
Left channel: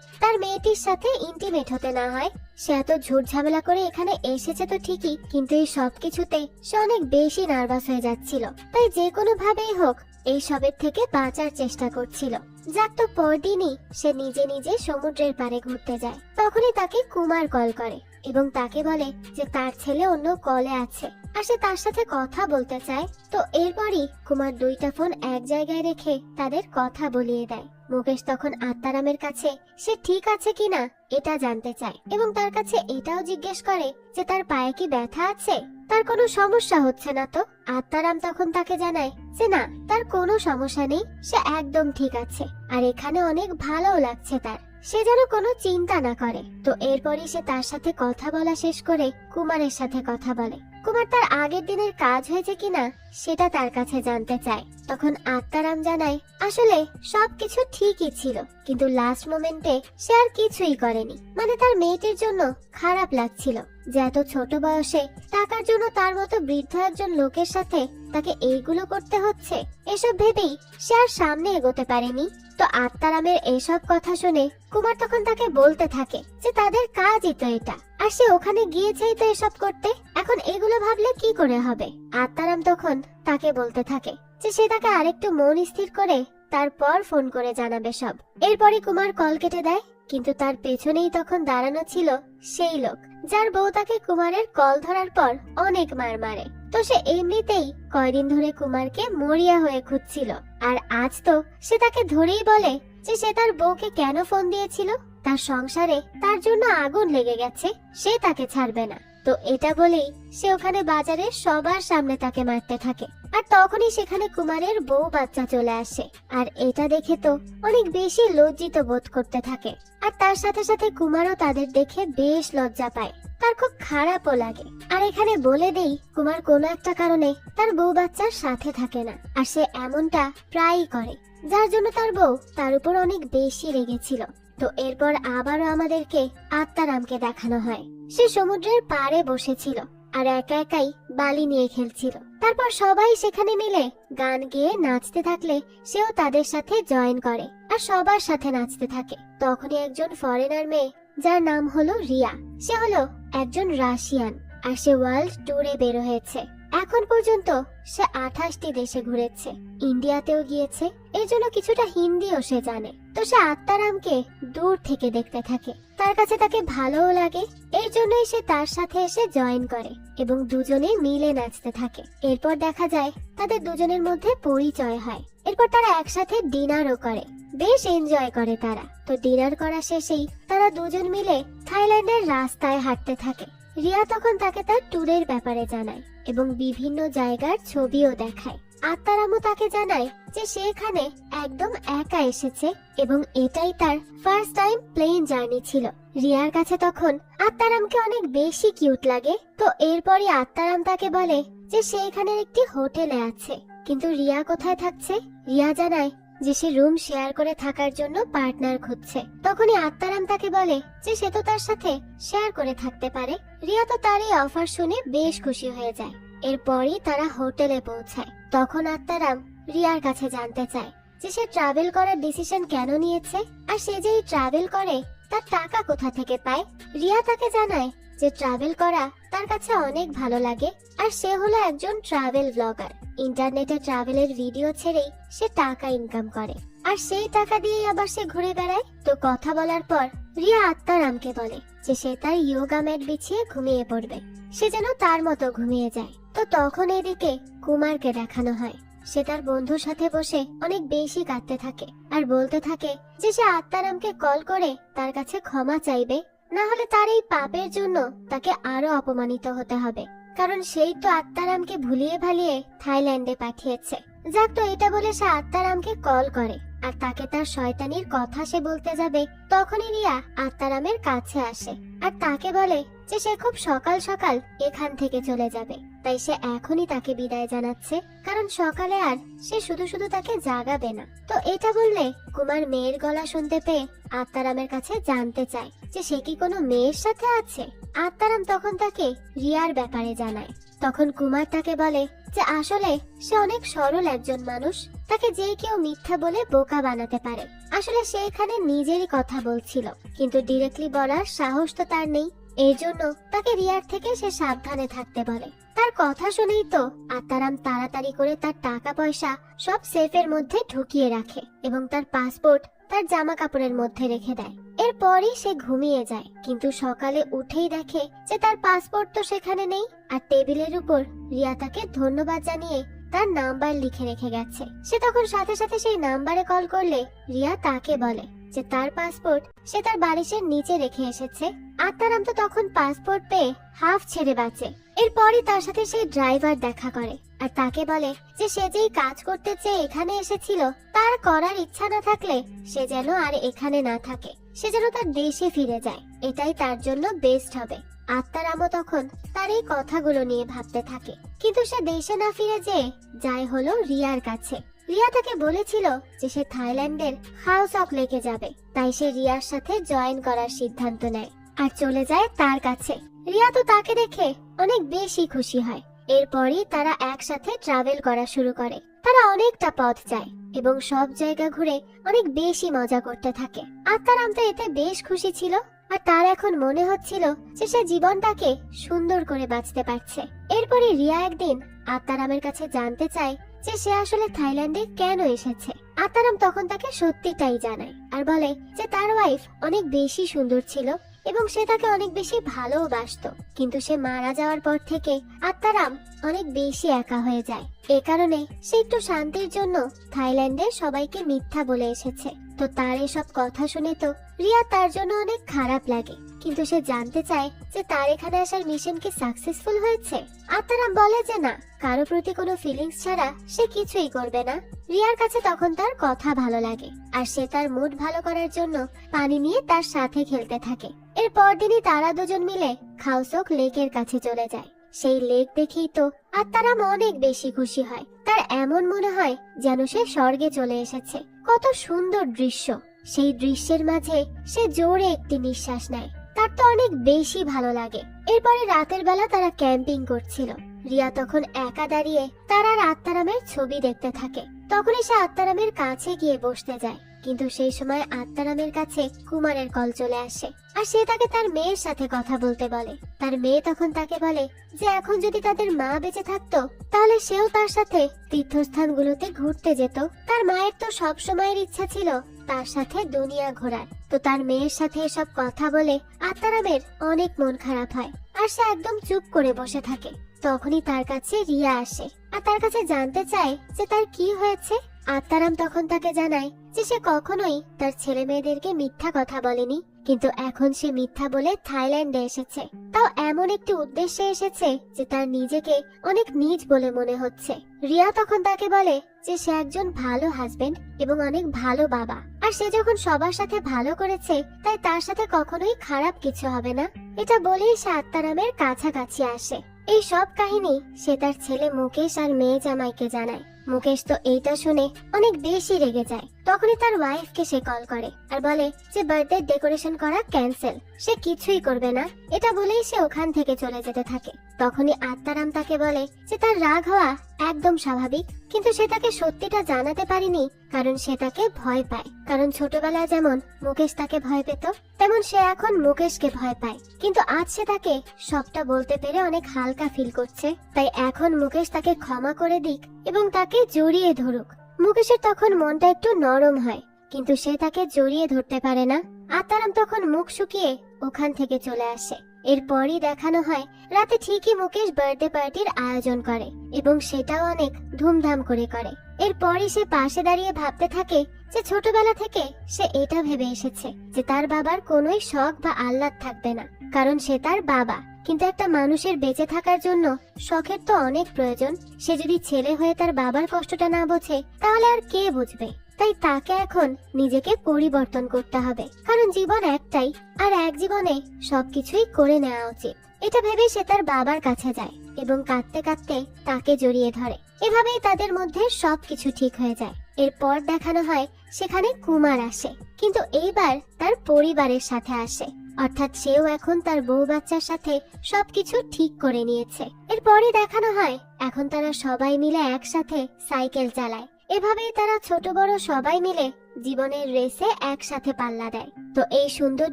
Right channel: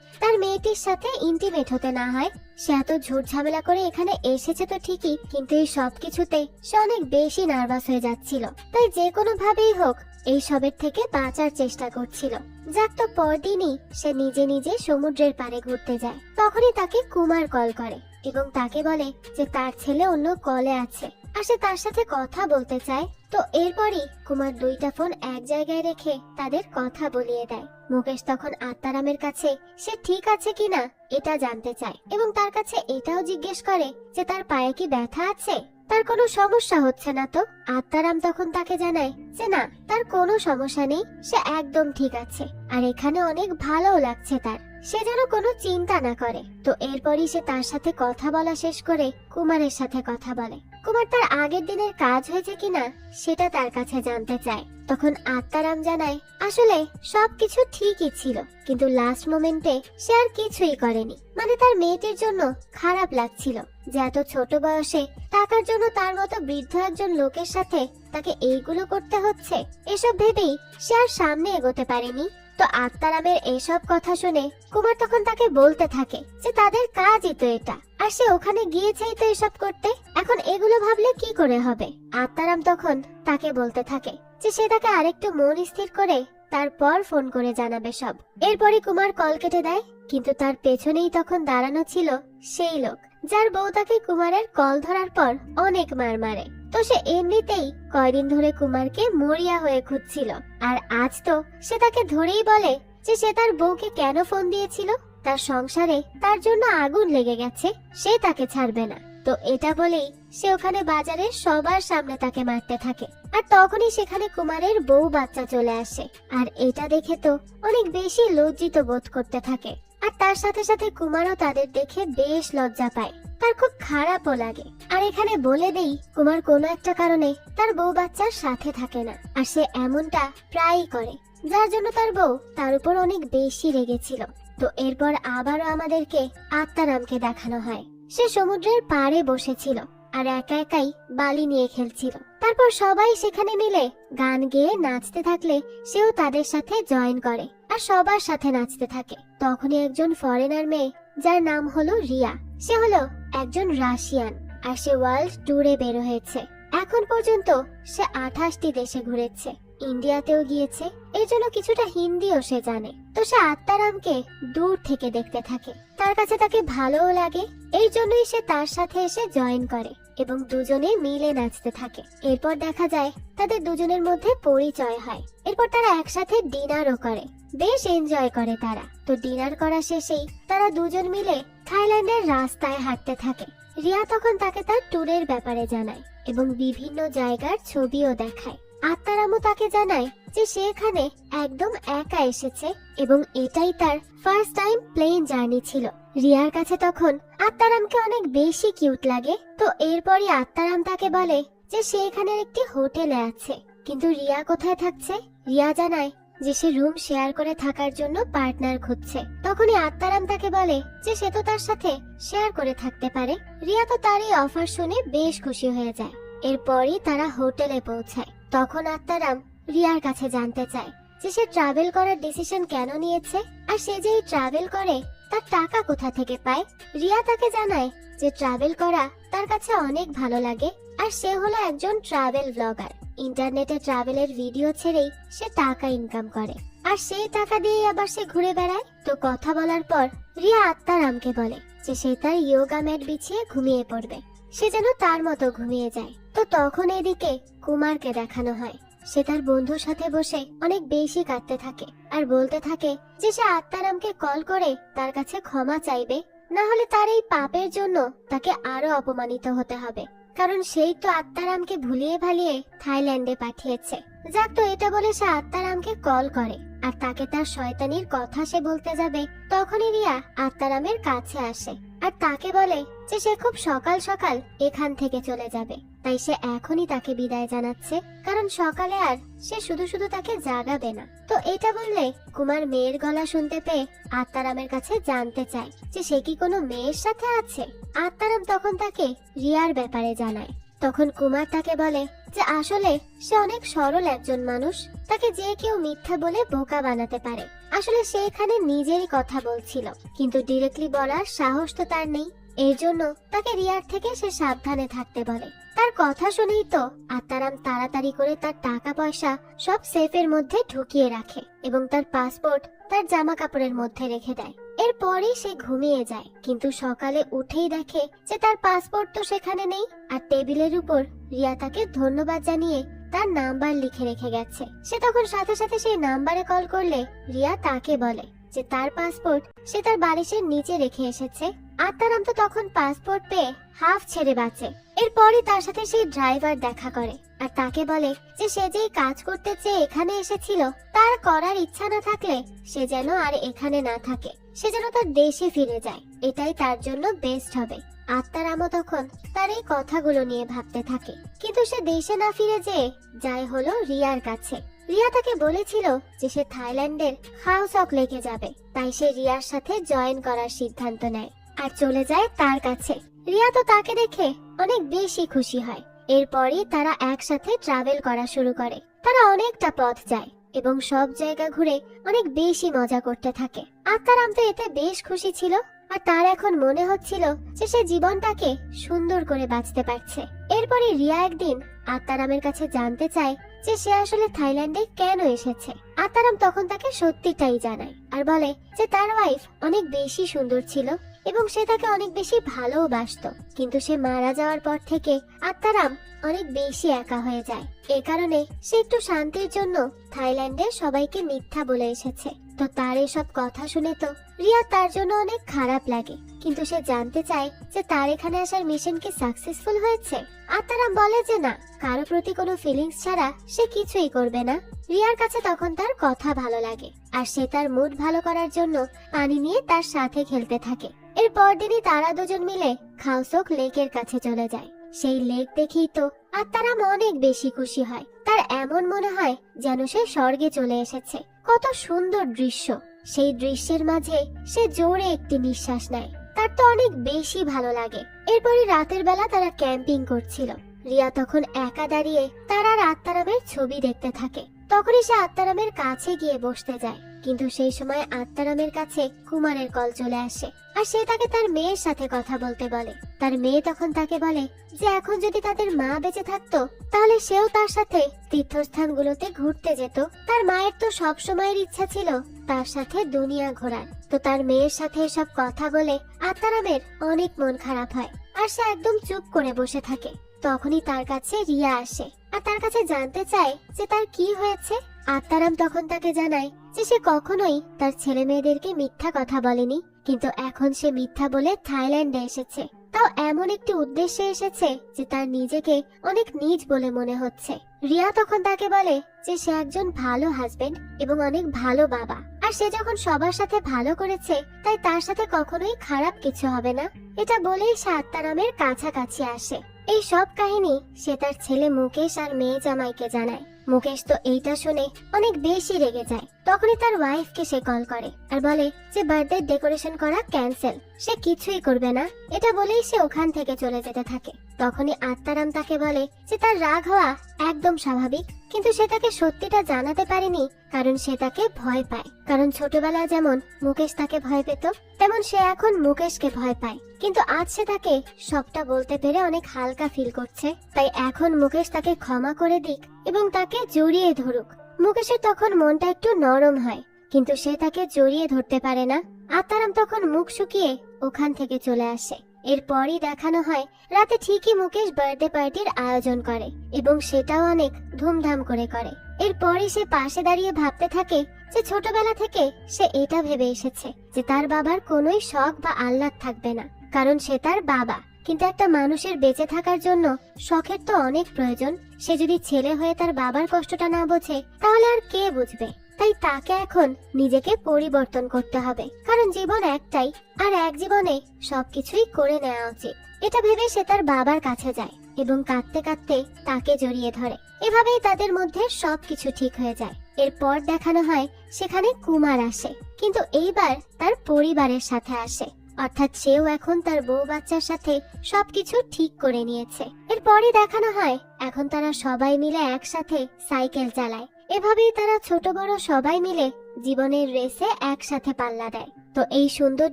তার মেয়েটির সাথে ইন্টিমেট হতে না হয়। সে এত ঝুট ঝামেলা করে এখানে এসেছে তো ঠিকই, কিন্তু এই সব কিছুতে সে অনেক বেশি নার্ভাস হয়ে যাচ্ছিল। তাই যে কোনো ভাবেই হোক এই সবের থেকে বাঁচার চেষ্টা করছিল। যাক, তো পরদিনই সে নিজে নিজে সমুদ্রের পাড়ে ঘুরতে যায়। তখনই তাকে কুমার কল করে এবং তাকে বলে যে তার ছেলে অন্য কলে আছে আর সে তার সাথে কথা বলতে চায়। তো এরপরই কুমার দুইটা ফোন এক জায়গায় রেখে তাদের কথা বলিয়ে দেয়। মুকেশ তখন আত্মারামের কাছে সে ঠিক আছে কিনা এটা জানতে চায় এবং তার কাছে এটাও জিজ্ঞেস করে যে তার পায়ে কি ব্যথা আছে, তার কোনো সমস্যা হচ্ছে না তো। আত্মারাম তখন তাকে জানায় যে না, তার কোনো সমস্যা নেই, সে একদম ঠিক আছে আর এখানে অনেক ভালো লাগছে তার, সে যেন কোনো চিন্তা না করে। তো এরপরই সে তার সাথে কথা বলা শেষ করে কুমারের সাথে কথা বলে। কুমার তার আগের দিনের কাজ হয়েছে কিনা সেটা তার কাছে জানতে চায়। তখন আত্মারাম জানায় আসলে সবকিছু ঠিকই ছিল, কিন্তু লাস্ট মোমেন্টে সে আর কিছুই করেনি। মানে তার মেয়েটির জন্য খারাপ লাগছিল যে এত ছোট বয়সে টাকার জন্য তার মতো বৃদ্ধ একজন লোকের সাথে তাকে এইগুলো করতে হচ্ছে। এসব ভেবেই সে আর সামনে এগোতে পারেনি। তো আত্মারামের এসব কথা শুনে কুমার তখন তাকে বলতে থাকে যে তাদের কাজই তো এটা, আর সে ওখানে গিয়েছেই তো এসব করতে, এখন এগুলো ভাবলে কি করে হবে। আত্মারাম তখন তাকে বলতে থাকে যে সে তাকে আরেকটু মন স্থির করে তারপর ফোন করে জানাবে সব। এরপরই কুমার কল কেটে দেয়, কিন্তু তার পেছনেই তখন দাঁড়ানো ছিল সেই লোক যার বউ তাকে কুমারের কল ধরার পর অনেক মার মারে। তো সে এমনিতেই কয়দিন ধরে কুমারকে মরিয়া হয়ে খুঁজছিল, আর আজ তো সে তাকে ধরেই বলে যে সে তার বউকে কেন ফোন দিয়েছিল, তার সংসারে তার জন্য আগুন লেগে গেছে, সে তাকে ছাড়বে না। তো এটা বলেই সে ওখানে বাজারে সবার সামনে তাকে মারতে থাকে। আর তখনই সেখানে কুমারের বউ বাচ্চা চলে আসে, আর এটা দেখে তো অনেক বেশি লজ্জিত বোধ করতে থাকে। আর তার সাথে সাথে কুমারও তাদের দেখে বেশ লজ্জা পায়, তার খুব খারাপও লাগে। আর এখানে বলে দেই কুমার কোনো একটা কারণে তার বউ বাচ্চার সাথে থাকে না, আর সে এমনটা প্রায়ই করে, যার জন্য তার বউ তার উপর অনেক বেশি রেগেছিল। তো এরপর আবারও আমাদেরকে আত্মারামকে দেখানো হয়। সে সমুদ্রের পাড়ে বসেছিল আর একা একাই বালি নিয়ে খেলছিল। তারপর সবাই সেখানে মিলে গান গেয়ে নাচতে থাকলে সেও তাদের সাথে জয়েন করে আর সবার সাথে নাচতে থাকে। তখনই একজন ফরেনার মেয়ে যার নাম হলো রিয়া, সে হলো একজন রাশিয়ান, আর সে ওয়ার্ল্ড ট্যুরে বের হয়েছে। এখন পর্যন্ত সে 28টি দেশে ঘুরেছে, ইন্ডিয়াতেও গিয়েছে, এর জন্য কিছুটা হিন্দিও সে জানে। তো সে আত্মারামকে দূর থেকে দেখতে থাকে, তার কাছে তাকে ভালোও লাগে, এই জন্যই সে তার সাথে এসে জয়েন করে এবং দুজনে মিলে নাচতে থাকে। এরপর দেখা যায় তাদের দুজনের মধ্যে পরিচয় হয়। এরপর তারা একসাথে ডিনারও করে, বেশ এনজয় করে তারা। তো ডিনার করা শেষেই তারা দুজন মিলে থাইল্যান্ডের রাস্তায় হাঁটতে থাকে। রিয়া তখন তাকে তার ট্যুরের ব্যাপারে জানায় এবং বিভিন্ন জায়গার ছবিও দেখায়। আত্মারামও তাকে জানায় যে সে এখানে একদম একা এসেছে এবং এটাই তার ফার্স্ট টাইম প্লেন জার্নি ছিল। রিয়ার কাছে তখন আত্মারামকে অনেক বেশি কিউট লাগে। তো এরপরই আত্মারাম তাকে বলে যে সে এখানে একটি হোটেলে আছে, কিন্তু রিয়া কোথায় থাকছে। রিয়া জানায় যে সে রুম শেয়ার করে থাকার জন্য পার্টনার খুঁজছে। তখনই আত্মারাম তাকে বলে যে সে তো তার সাথে শেয়ার করে থাকতে পারে। রিয়া তো তার এই অফার শুনে বেশ খুশি হয়ে যায়। এরপরই তারা হোটেলে পৌঁছায়। তখন আত্মারাম রিয়ার কাছে জানতে চায় যে সে ট্রাভেল করার ডিসিশন কেন নিয়েছে, আর সে যে ট্রাভেল করে তার টাকা কোথা থেকে পায়। রিয়া তাকে জানায় যে ট্রাভেল করা তার কাছে অনেক ভালো লাগে, আর সে হলো একজন ট্রাভেল ব্লগার। ইন্টারনেটে ট্রাভেলের ভিডিও ছেড়েই সে টাকা ইনকাম করে, আর সেই টাকা দিয়ে আবার সে ঘুরে বেড়ায়। তো কথা বলার পর রিয়া আত্মারামকে বলে যে সে তার ইয়োগা ম্যাট বিছিয়ে ঘুমিয়ে পড়বে, সে যেন তার মতো ঘুমিয়ে যায়। তো তখন এদিকে কুমারকে দেখানো হয়, সে তার বন্ধুর সাথে বসে অনেক বেশি কাঁদতে থাকে আর বলতে থাকে যে সে আত্মারামকে কল করে তার কাছে ক্ষমা চাইবে, না হলে তার এই পাপের জন্য তাকে আরো অপমানিত হতে হবে, কারণ সেই তো আত্মারামকে ভুলিয়ে ভালিয়ে থাইল্যান্ডে পাঠিয়েছে। যাক, তো এটা বলে সে আত্মারামকে কল করে আর তাকে তার শয়তানির কথা সে বলতে যাবে। তখনই রিয়া আত্মারামের কাছে আসে আর তাকে বলে যে সে খুব সকাল সকাল এখান থেকে চলে যাবে, তাই সে এখনই তাকে বিদায় জানাচ্ছে, কারণ সকালে আর সে শুধু শুধু তাকে জাগাবে না। তো এটা বললে কুমার মেয়ের গলা শুনতে পেয়ে আত্মারামের কাছে জানতে চায় যে সে কি কোনো মেয়ের সাথে আছে। আত্মারাম তখন তাকে রিয়ার ব্যাপারে জানায়। তখন কুমার তাকে বলে যে আসলে সে অনেক সরল একজন মানুষ, তাকে যে কেউ মিথ্যা বলে বোকা বানাতে পারে। আসলে সে এখানে নিজেরই কথা বলছিল, কিন্তু ডিরেক্টলি বলার সাহস তো তার নেই, এর জন্য তাকে রিয়ার থেকে সে সাবধানে থাকতে বলে। তার কথা শুনেই তো আত্মারাম তাড়াতাড়ি করে তার টাকা পয়সা সব সেফের মধ্যে ঢুকিয়ে রাখে এবং তার পাসপোর্ট তার জামা কাপড়ের মধ্যে রেখে দেয়। এরপরই সে ঘুমিয়ে যায়, কিন্তু সকালে উঠেই দেখে যে তার পাসপোর্ট তো সেখানে নেই, আর টেবিলের উপর রিয়া তাকে ধন্যবাদ জানিয়ে তার নাম্বার লিখে রেখে গেছে। সে তখন সাথে সাথে সেই নাম্বারে কল করলে রিয়া তাকে বলে যে তার পাসপোর্ট সে তার বালিশের নিচে রেখে এসেছে। আত্মারাম তো তখন পাসপোর্ট পেয়ে হাফ ছেড়ে বাঁচে। এরপরে তার সাথে সেই ড্রাইভার দেখা করে আর তাকে বলে যে সে যেই কাজ করতে চেয়ে এখানে এসেছিল তার করার ইচ্ছা না থাকলে সে যেন আর এখানে না থাকে, সে যেন তার দেশে ফিরে যায়, এটাই তার জন্য বেস্ট হবে। আত্মারামও তখন তার এই কথাগুলো নিয়ে ভাবতে থাকে। কিন্তু সে দেশে না ফিরে যেয়ে যাই হলো রিয়ার কাছে। রিয়া তাকে বলেছিল যে সে থাইল্যান্ডের হাউসক লেকে যাবে, তাই সে রিয়ার সাথে জয়েন করার সিদ্ধান্ত নেয় আর চলে যায় তার কাছে। রিয়া তো তাকে দেখে অনেক বেশি খুশি হয়। এরপরই তারা একসাথে ট্রাভেল করা শুরু করে। তারা অনেকটা পথ যায় এবং সব জায়গা ঘুরে অনেক বেশি মজা করতে থাকে। আত্মারাম তো এতে বেশ খুশি ছিল, আর তার এখন মনে হচ্ছিল যে সে জীবনটাকে সুন্দর করে বাঁচতে পারছে। এরপরে রিয়া একদিন আত্মারামের কাছে জানতে চায় যে সে আসলে থাইল্যান্ডে কেন এসেছে। আত্মারাম তখন তাকে সত্যিটাই জানায় আর বলে যে তার ওয়াইফ অনেক বেশি সুন্দর ছিল এবং সে তাকে অনেক বেশি ভালোবাসতো, কিন্তু সে মারা যাওয়ার পর থেকে আত্মারাম অনেক বেশি একা হয়ে যায়। এ কারণে সে একটু শান্তির জন্য থাইল্যান্ডে সবাইকে মিথ্যা বলে এসেছে। তো তার এসব কথা শুনে তো রিয়া তার জন্য অনেক খারাপ লাগে, কিন্তু সে জানতে চায় যে তার এখানে আসার মিশন কি সাকসেসফুল হয়েছে। আত্মারাম বলে যে না, কারো প্রতি কোনো ফিলিংস ছাড়া সে কিছুই করবে না। রিয়ার কাছে তখন তার কথা ভালো লাগে আর সে তার মুড ভালো করার জন্য পানি নিয়ে তার সাথে খেলতে থাকে। এর পরদিনই তারা দুজন মিলে খাউসক লেকের কাছে চলে যায়। সেই লেক দেখেই তো আত্মারাম অনেক বেশি খুশি হয়। তার এমন মনে হয় যেন সে স্বর্গে চলে এসেছে। কত সুন্দর দৃশ্য! সেই দৃশ্যের মাঝে সে জোরে একটি নিঃশ্বাস নেয়। তার তো অনেক বেশি ভালো লাগে। এরপরে রাতের বেলা তারা ক্যাম্পিং করছিল। রিয়া তখন একা দাঁড়িয়ে তার আর আত্মারামের ছবি দেখতে থাকে। তখনই সে আত্মারামের কাছে গিয়ে বসতে যায়, কিন্তু সেই সময় আত্মারামের কাছে কুমারের কল চলে আসে আর সে তাকে তার মেয়ের সাথে কথা বলতে বলে। তার মেয়ে তখন তাকে বলে যে এখন যদি তাদের মা বেঁচে থাকতো তাহলে সেও তার সাথে তীর্থস্থানগুলোতে ঘুরতে যেত। তার মায়ের তো সব সময়ের ইচ্ছা ছিল তার সাথে দুনিয়া ঘোরার। তো তার মেয়ের সাথে এসব কথা বলে আত্মারামের অনেক মন খারাপ হয় আর সে একদম চুপ করে বসে থাকে। তখনই তার কাছে রিয়া আসে আর তার কাছে জানতে চায় যে তার কি হয়েছে। আত্মারাম তখন তাকে জানায় যে সে কখনোই তার ছেলে মেয়েদেরকে মিথ্যা কথা বলেনি, কিন্তু এখন সে মিথ্যা বলে থাইল্যান্ডে এসেছে। তাও এমন একটি উদ্দেশ্যে এসেছে যে তার নিজেকে অনেক নীচ বলে মনে হচ্ছে। রিয়া তখন তাকে বলে যে সে একজন ভালো হাজবেন্ড এবং অনেক ভালো বাবা, আর সে যখন সবার সাথে ভালো করেছে তাই তার সাথে কখনোই খারাপ কিছু হবে না। এটা বলেই সে আত্মারামের কাছাকাছি আসে। এই সব কাহিনী সে তার ছেলে মুকেশ আর মেয়ে জামাইকে জানায়। মুকেশ তো এইটা শুনে অনেক বেশি রেগে যায়। তখনই তার ওয়াইফকে সে কল করে আর বলে যে বার্থডে ডেকোরেশন করা ক্যান্সেল, সে কিছুই করবে না। এটা বলেই সে ওখান থেকে চলে যেতে থাকে। তখনই আত্মারাম তাকে বলে যে তার রাগ হওয়া একদম স্বাভাবিক, কিন্তু সে তাকে সত্যিটা জানাতে পারেনি কারণ সে তাকে ভয় পায়। কারণ ছোটবেলায় যেমন মুকেশ তাকে ভয় পেত, তেমন সে এখন মুকেশকে ভয় পায়। কিন্তু আজ সে তাকে সবটা বলতে পেরে অনেক হালকা ফিল করছে। তাই এখন মুকেশ তাকে ক্ষমা করে দিক এবং তাকে জড়িয়ে ধরুক। মুকেশের তখন মনটা একটু নরম হয়, কিন্তু সে তাকে জড়িয়ে ধরতে পারে না। আত্মারাম তখন মুখ শুকিয়ে ওখান থেকে চলে আসে। এরপরই দেখানো হয় রাতে ঠিকই মুকেশ বার্থডে পার্টির আয়োজন করে এবং সেটাও অনেক ধুমধাম করে করে। এরপরই সে পাশে দাঁড়িয়ে ভাবতে থাকে যে ছোটবেলা থেকে সে এটা ভেবে এসেছে যে তার বাবার কোনোই শখ বা আহ্লাদ থাকবে না, কারণ সে তার বাবা। কিন্তু একটা মানুষের বেঁচে থাকার জন্য শখের তো অনেক প্রয়োজন। সে যদি ছেলে হয়ে তার বাবার কষ্টটা না বোঝে তাহলে আর কে বুঝবে? তাই তাকে এখন নিজেকে পরিবর্তন করতে হবে, কারণ জীবন একটাই আর এক জীবনে সবকিছুই করে নেওয়া উচিত। এটা ভেবে সে তার বাবার কাছে যায় এবং কাঁদতে কাঁদতে তাকে জড়িয়ে ধরে। এভাবেই তাদের মধ্যে সবকিছু ঠিক হয়ে যায়। এরপর দেখানো হয় সেখানে কুমার আসে, কিন্তু এইবার তার পরিবারের সাথে আসে, অর্থাৎ সেও এখন তার বউ বাচ্চার সাথে সবকিছু ঠিক করে নিয়েছে। এরপরই দেখানো হয় এখন তারা সবাই মিলে একসাথে সাইকেল চালায়। এভাবেই তারা ছোট বড় সবাই মিলে জীবনের রেসে একসাথে পাল্লা দেয়। তো এই সুন্দর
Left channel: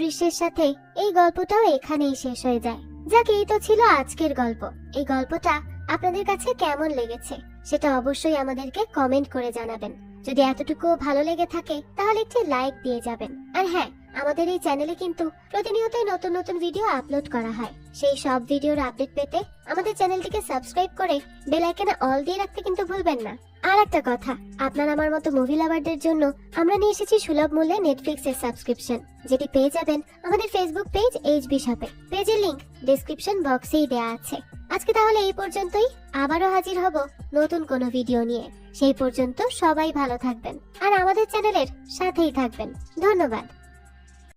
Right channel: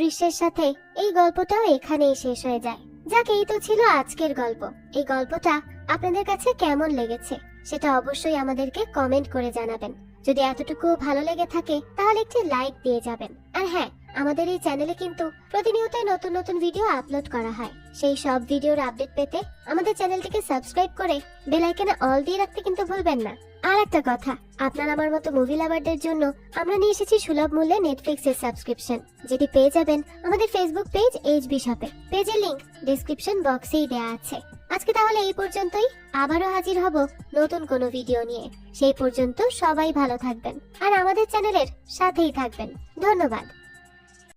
দৃশ্যের সাথে এই গল্পটাও এখানেই শেষ হয়ে যায়। যাক, এই তো ছিল আজকের গল্প। এই গল্পটা আপনাদের কাছে কেমন লেগেছে সেটা অবশ্যই আমাদেরকে কমেন্ট করে জানাবেন। যদি এতটুকু ভালো লেগে থাকে তাহলে একটি লাইক দিয়ে যাবেন। আর হ্যাঁ, আমাদের এই চ্যানেলে কিন্তু প্রতিনিয়তই নতুন নতুন ভিডিও আপলোড করা হয়। সেই সব ভিডিওর আপডেট পেতে আমাদের চ্যানেলটিকে সাবস্ক্রাইব করে বেল আইকনে অল দিয়ে রাখতে কিন্তু ভুলবেন না। আর একটা কথা, আপনার আমার মতো মুভি লাভারদের জন্য আমরা নিয়ে এসেছি সুলভ মূল্যে নেটফ্লিক্সের সাবস্ক্রিপশন, যেটি পেয়ে যাবেন আমাদের ফেসবুক পেজ এইচবি শপে। পেজের লিংক ডেসক্রিপশন বক্সেই দেওয়া আছে। আজকে তাহলে এই পর্যন্তই। আবারও হাজির হব নতুন কোনো ভিডিও নিয়ে। সেই পর্যন্ত সবাই ভালো থাকবেন আর আমাদের চ্যানেলের সাথেই থাকবেন। ধন্যবাদ।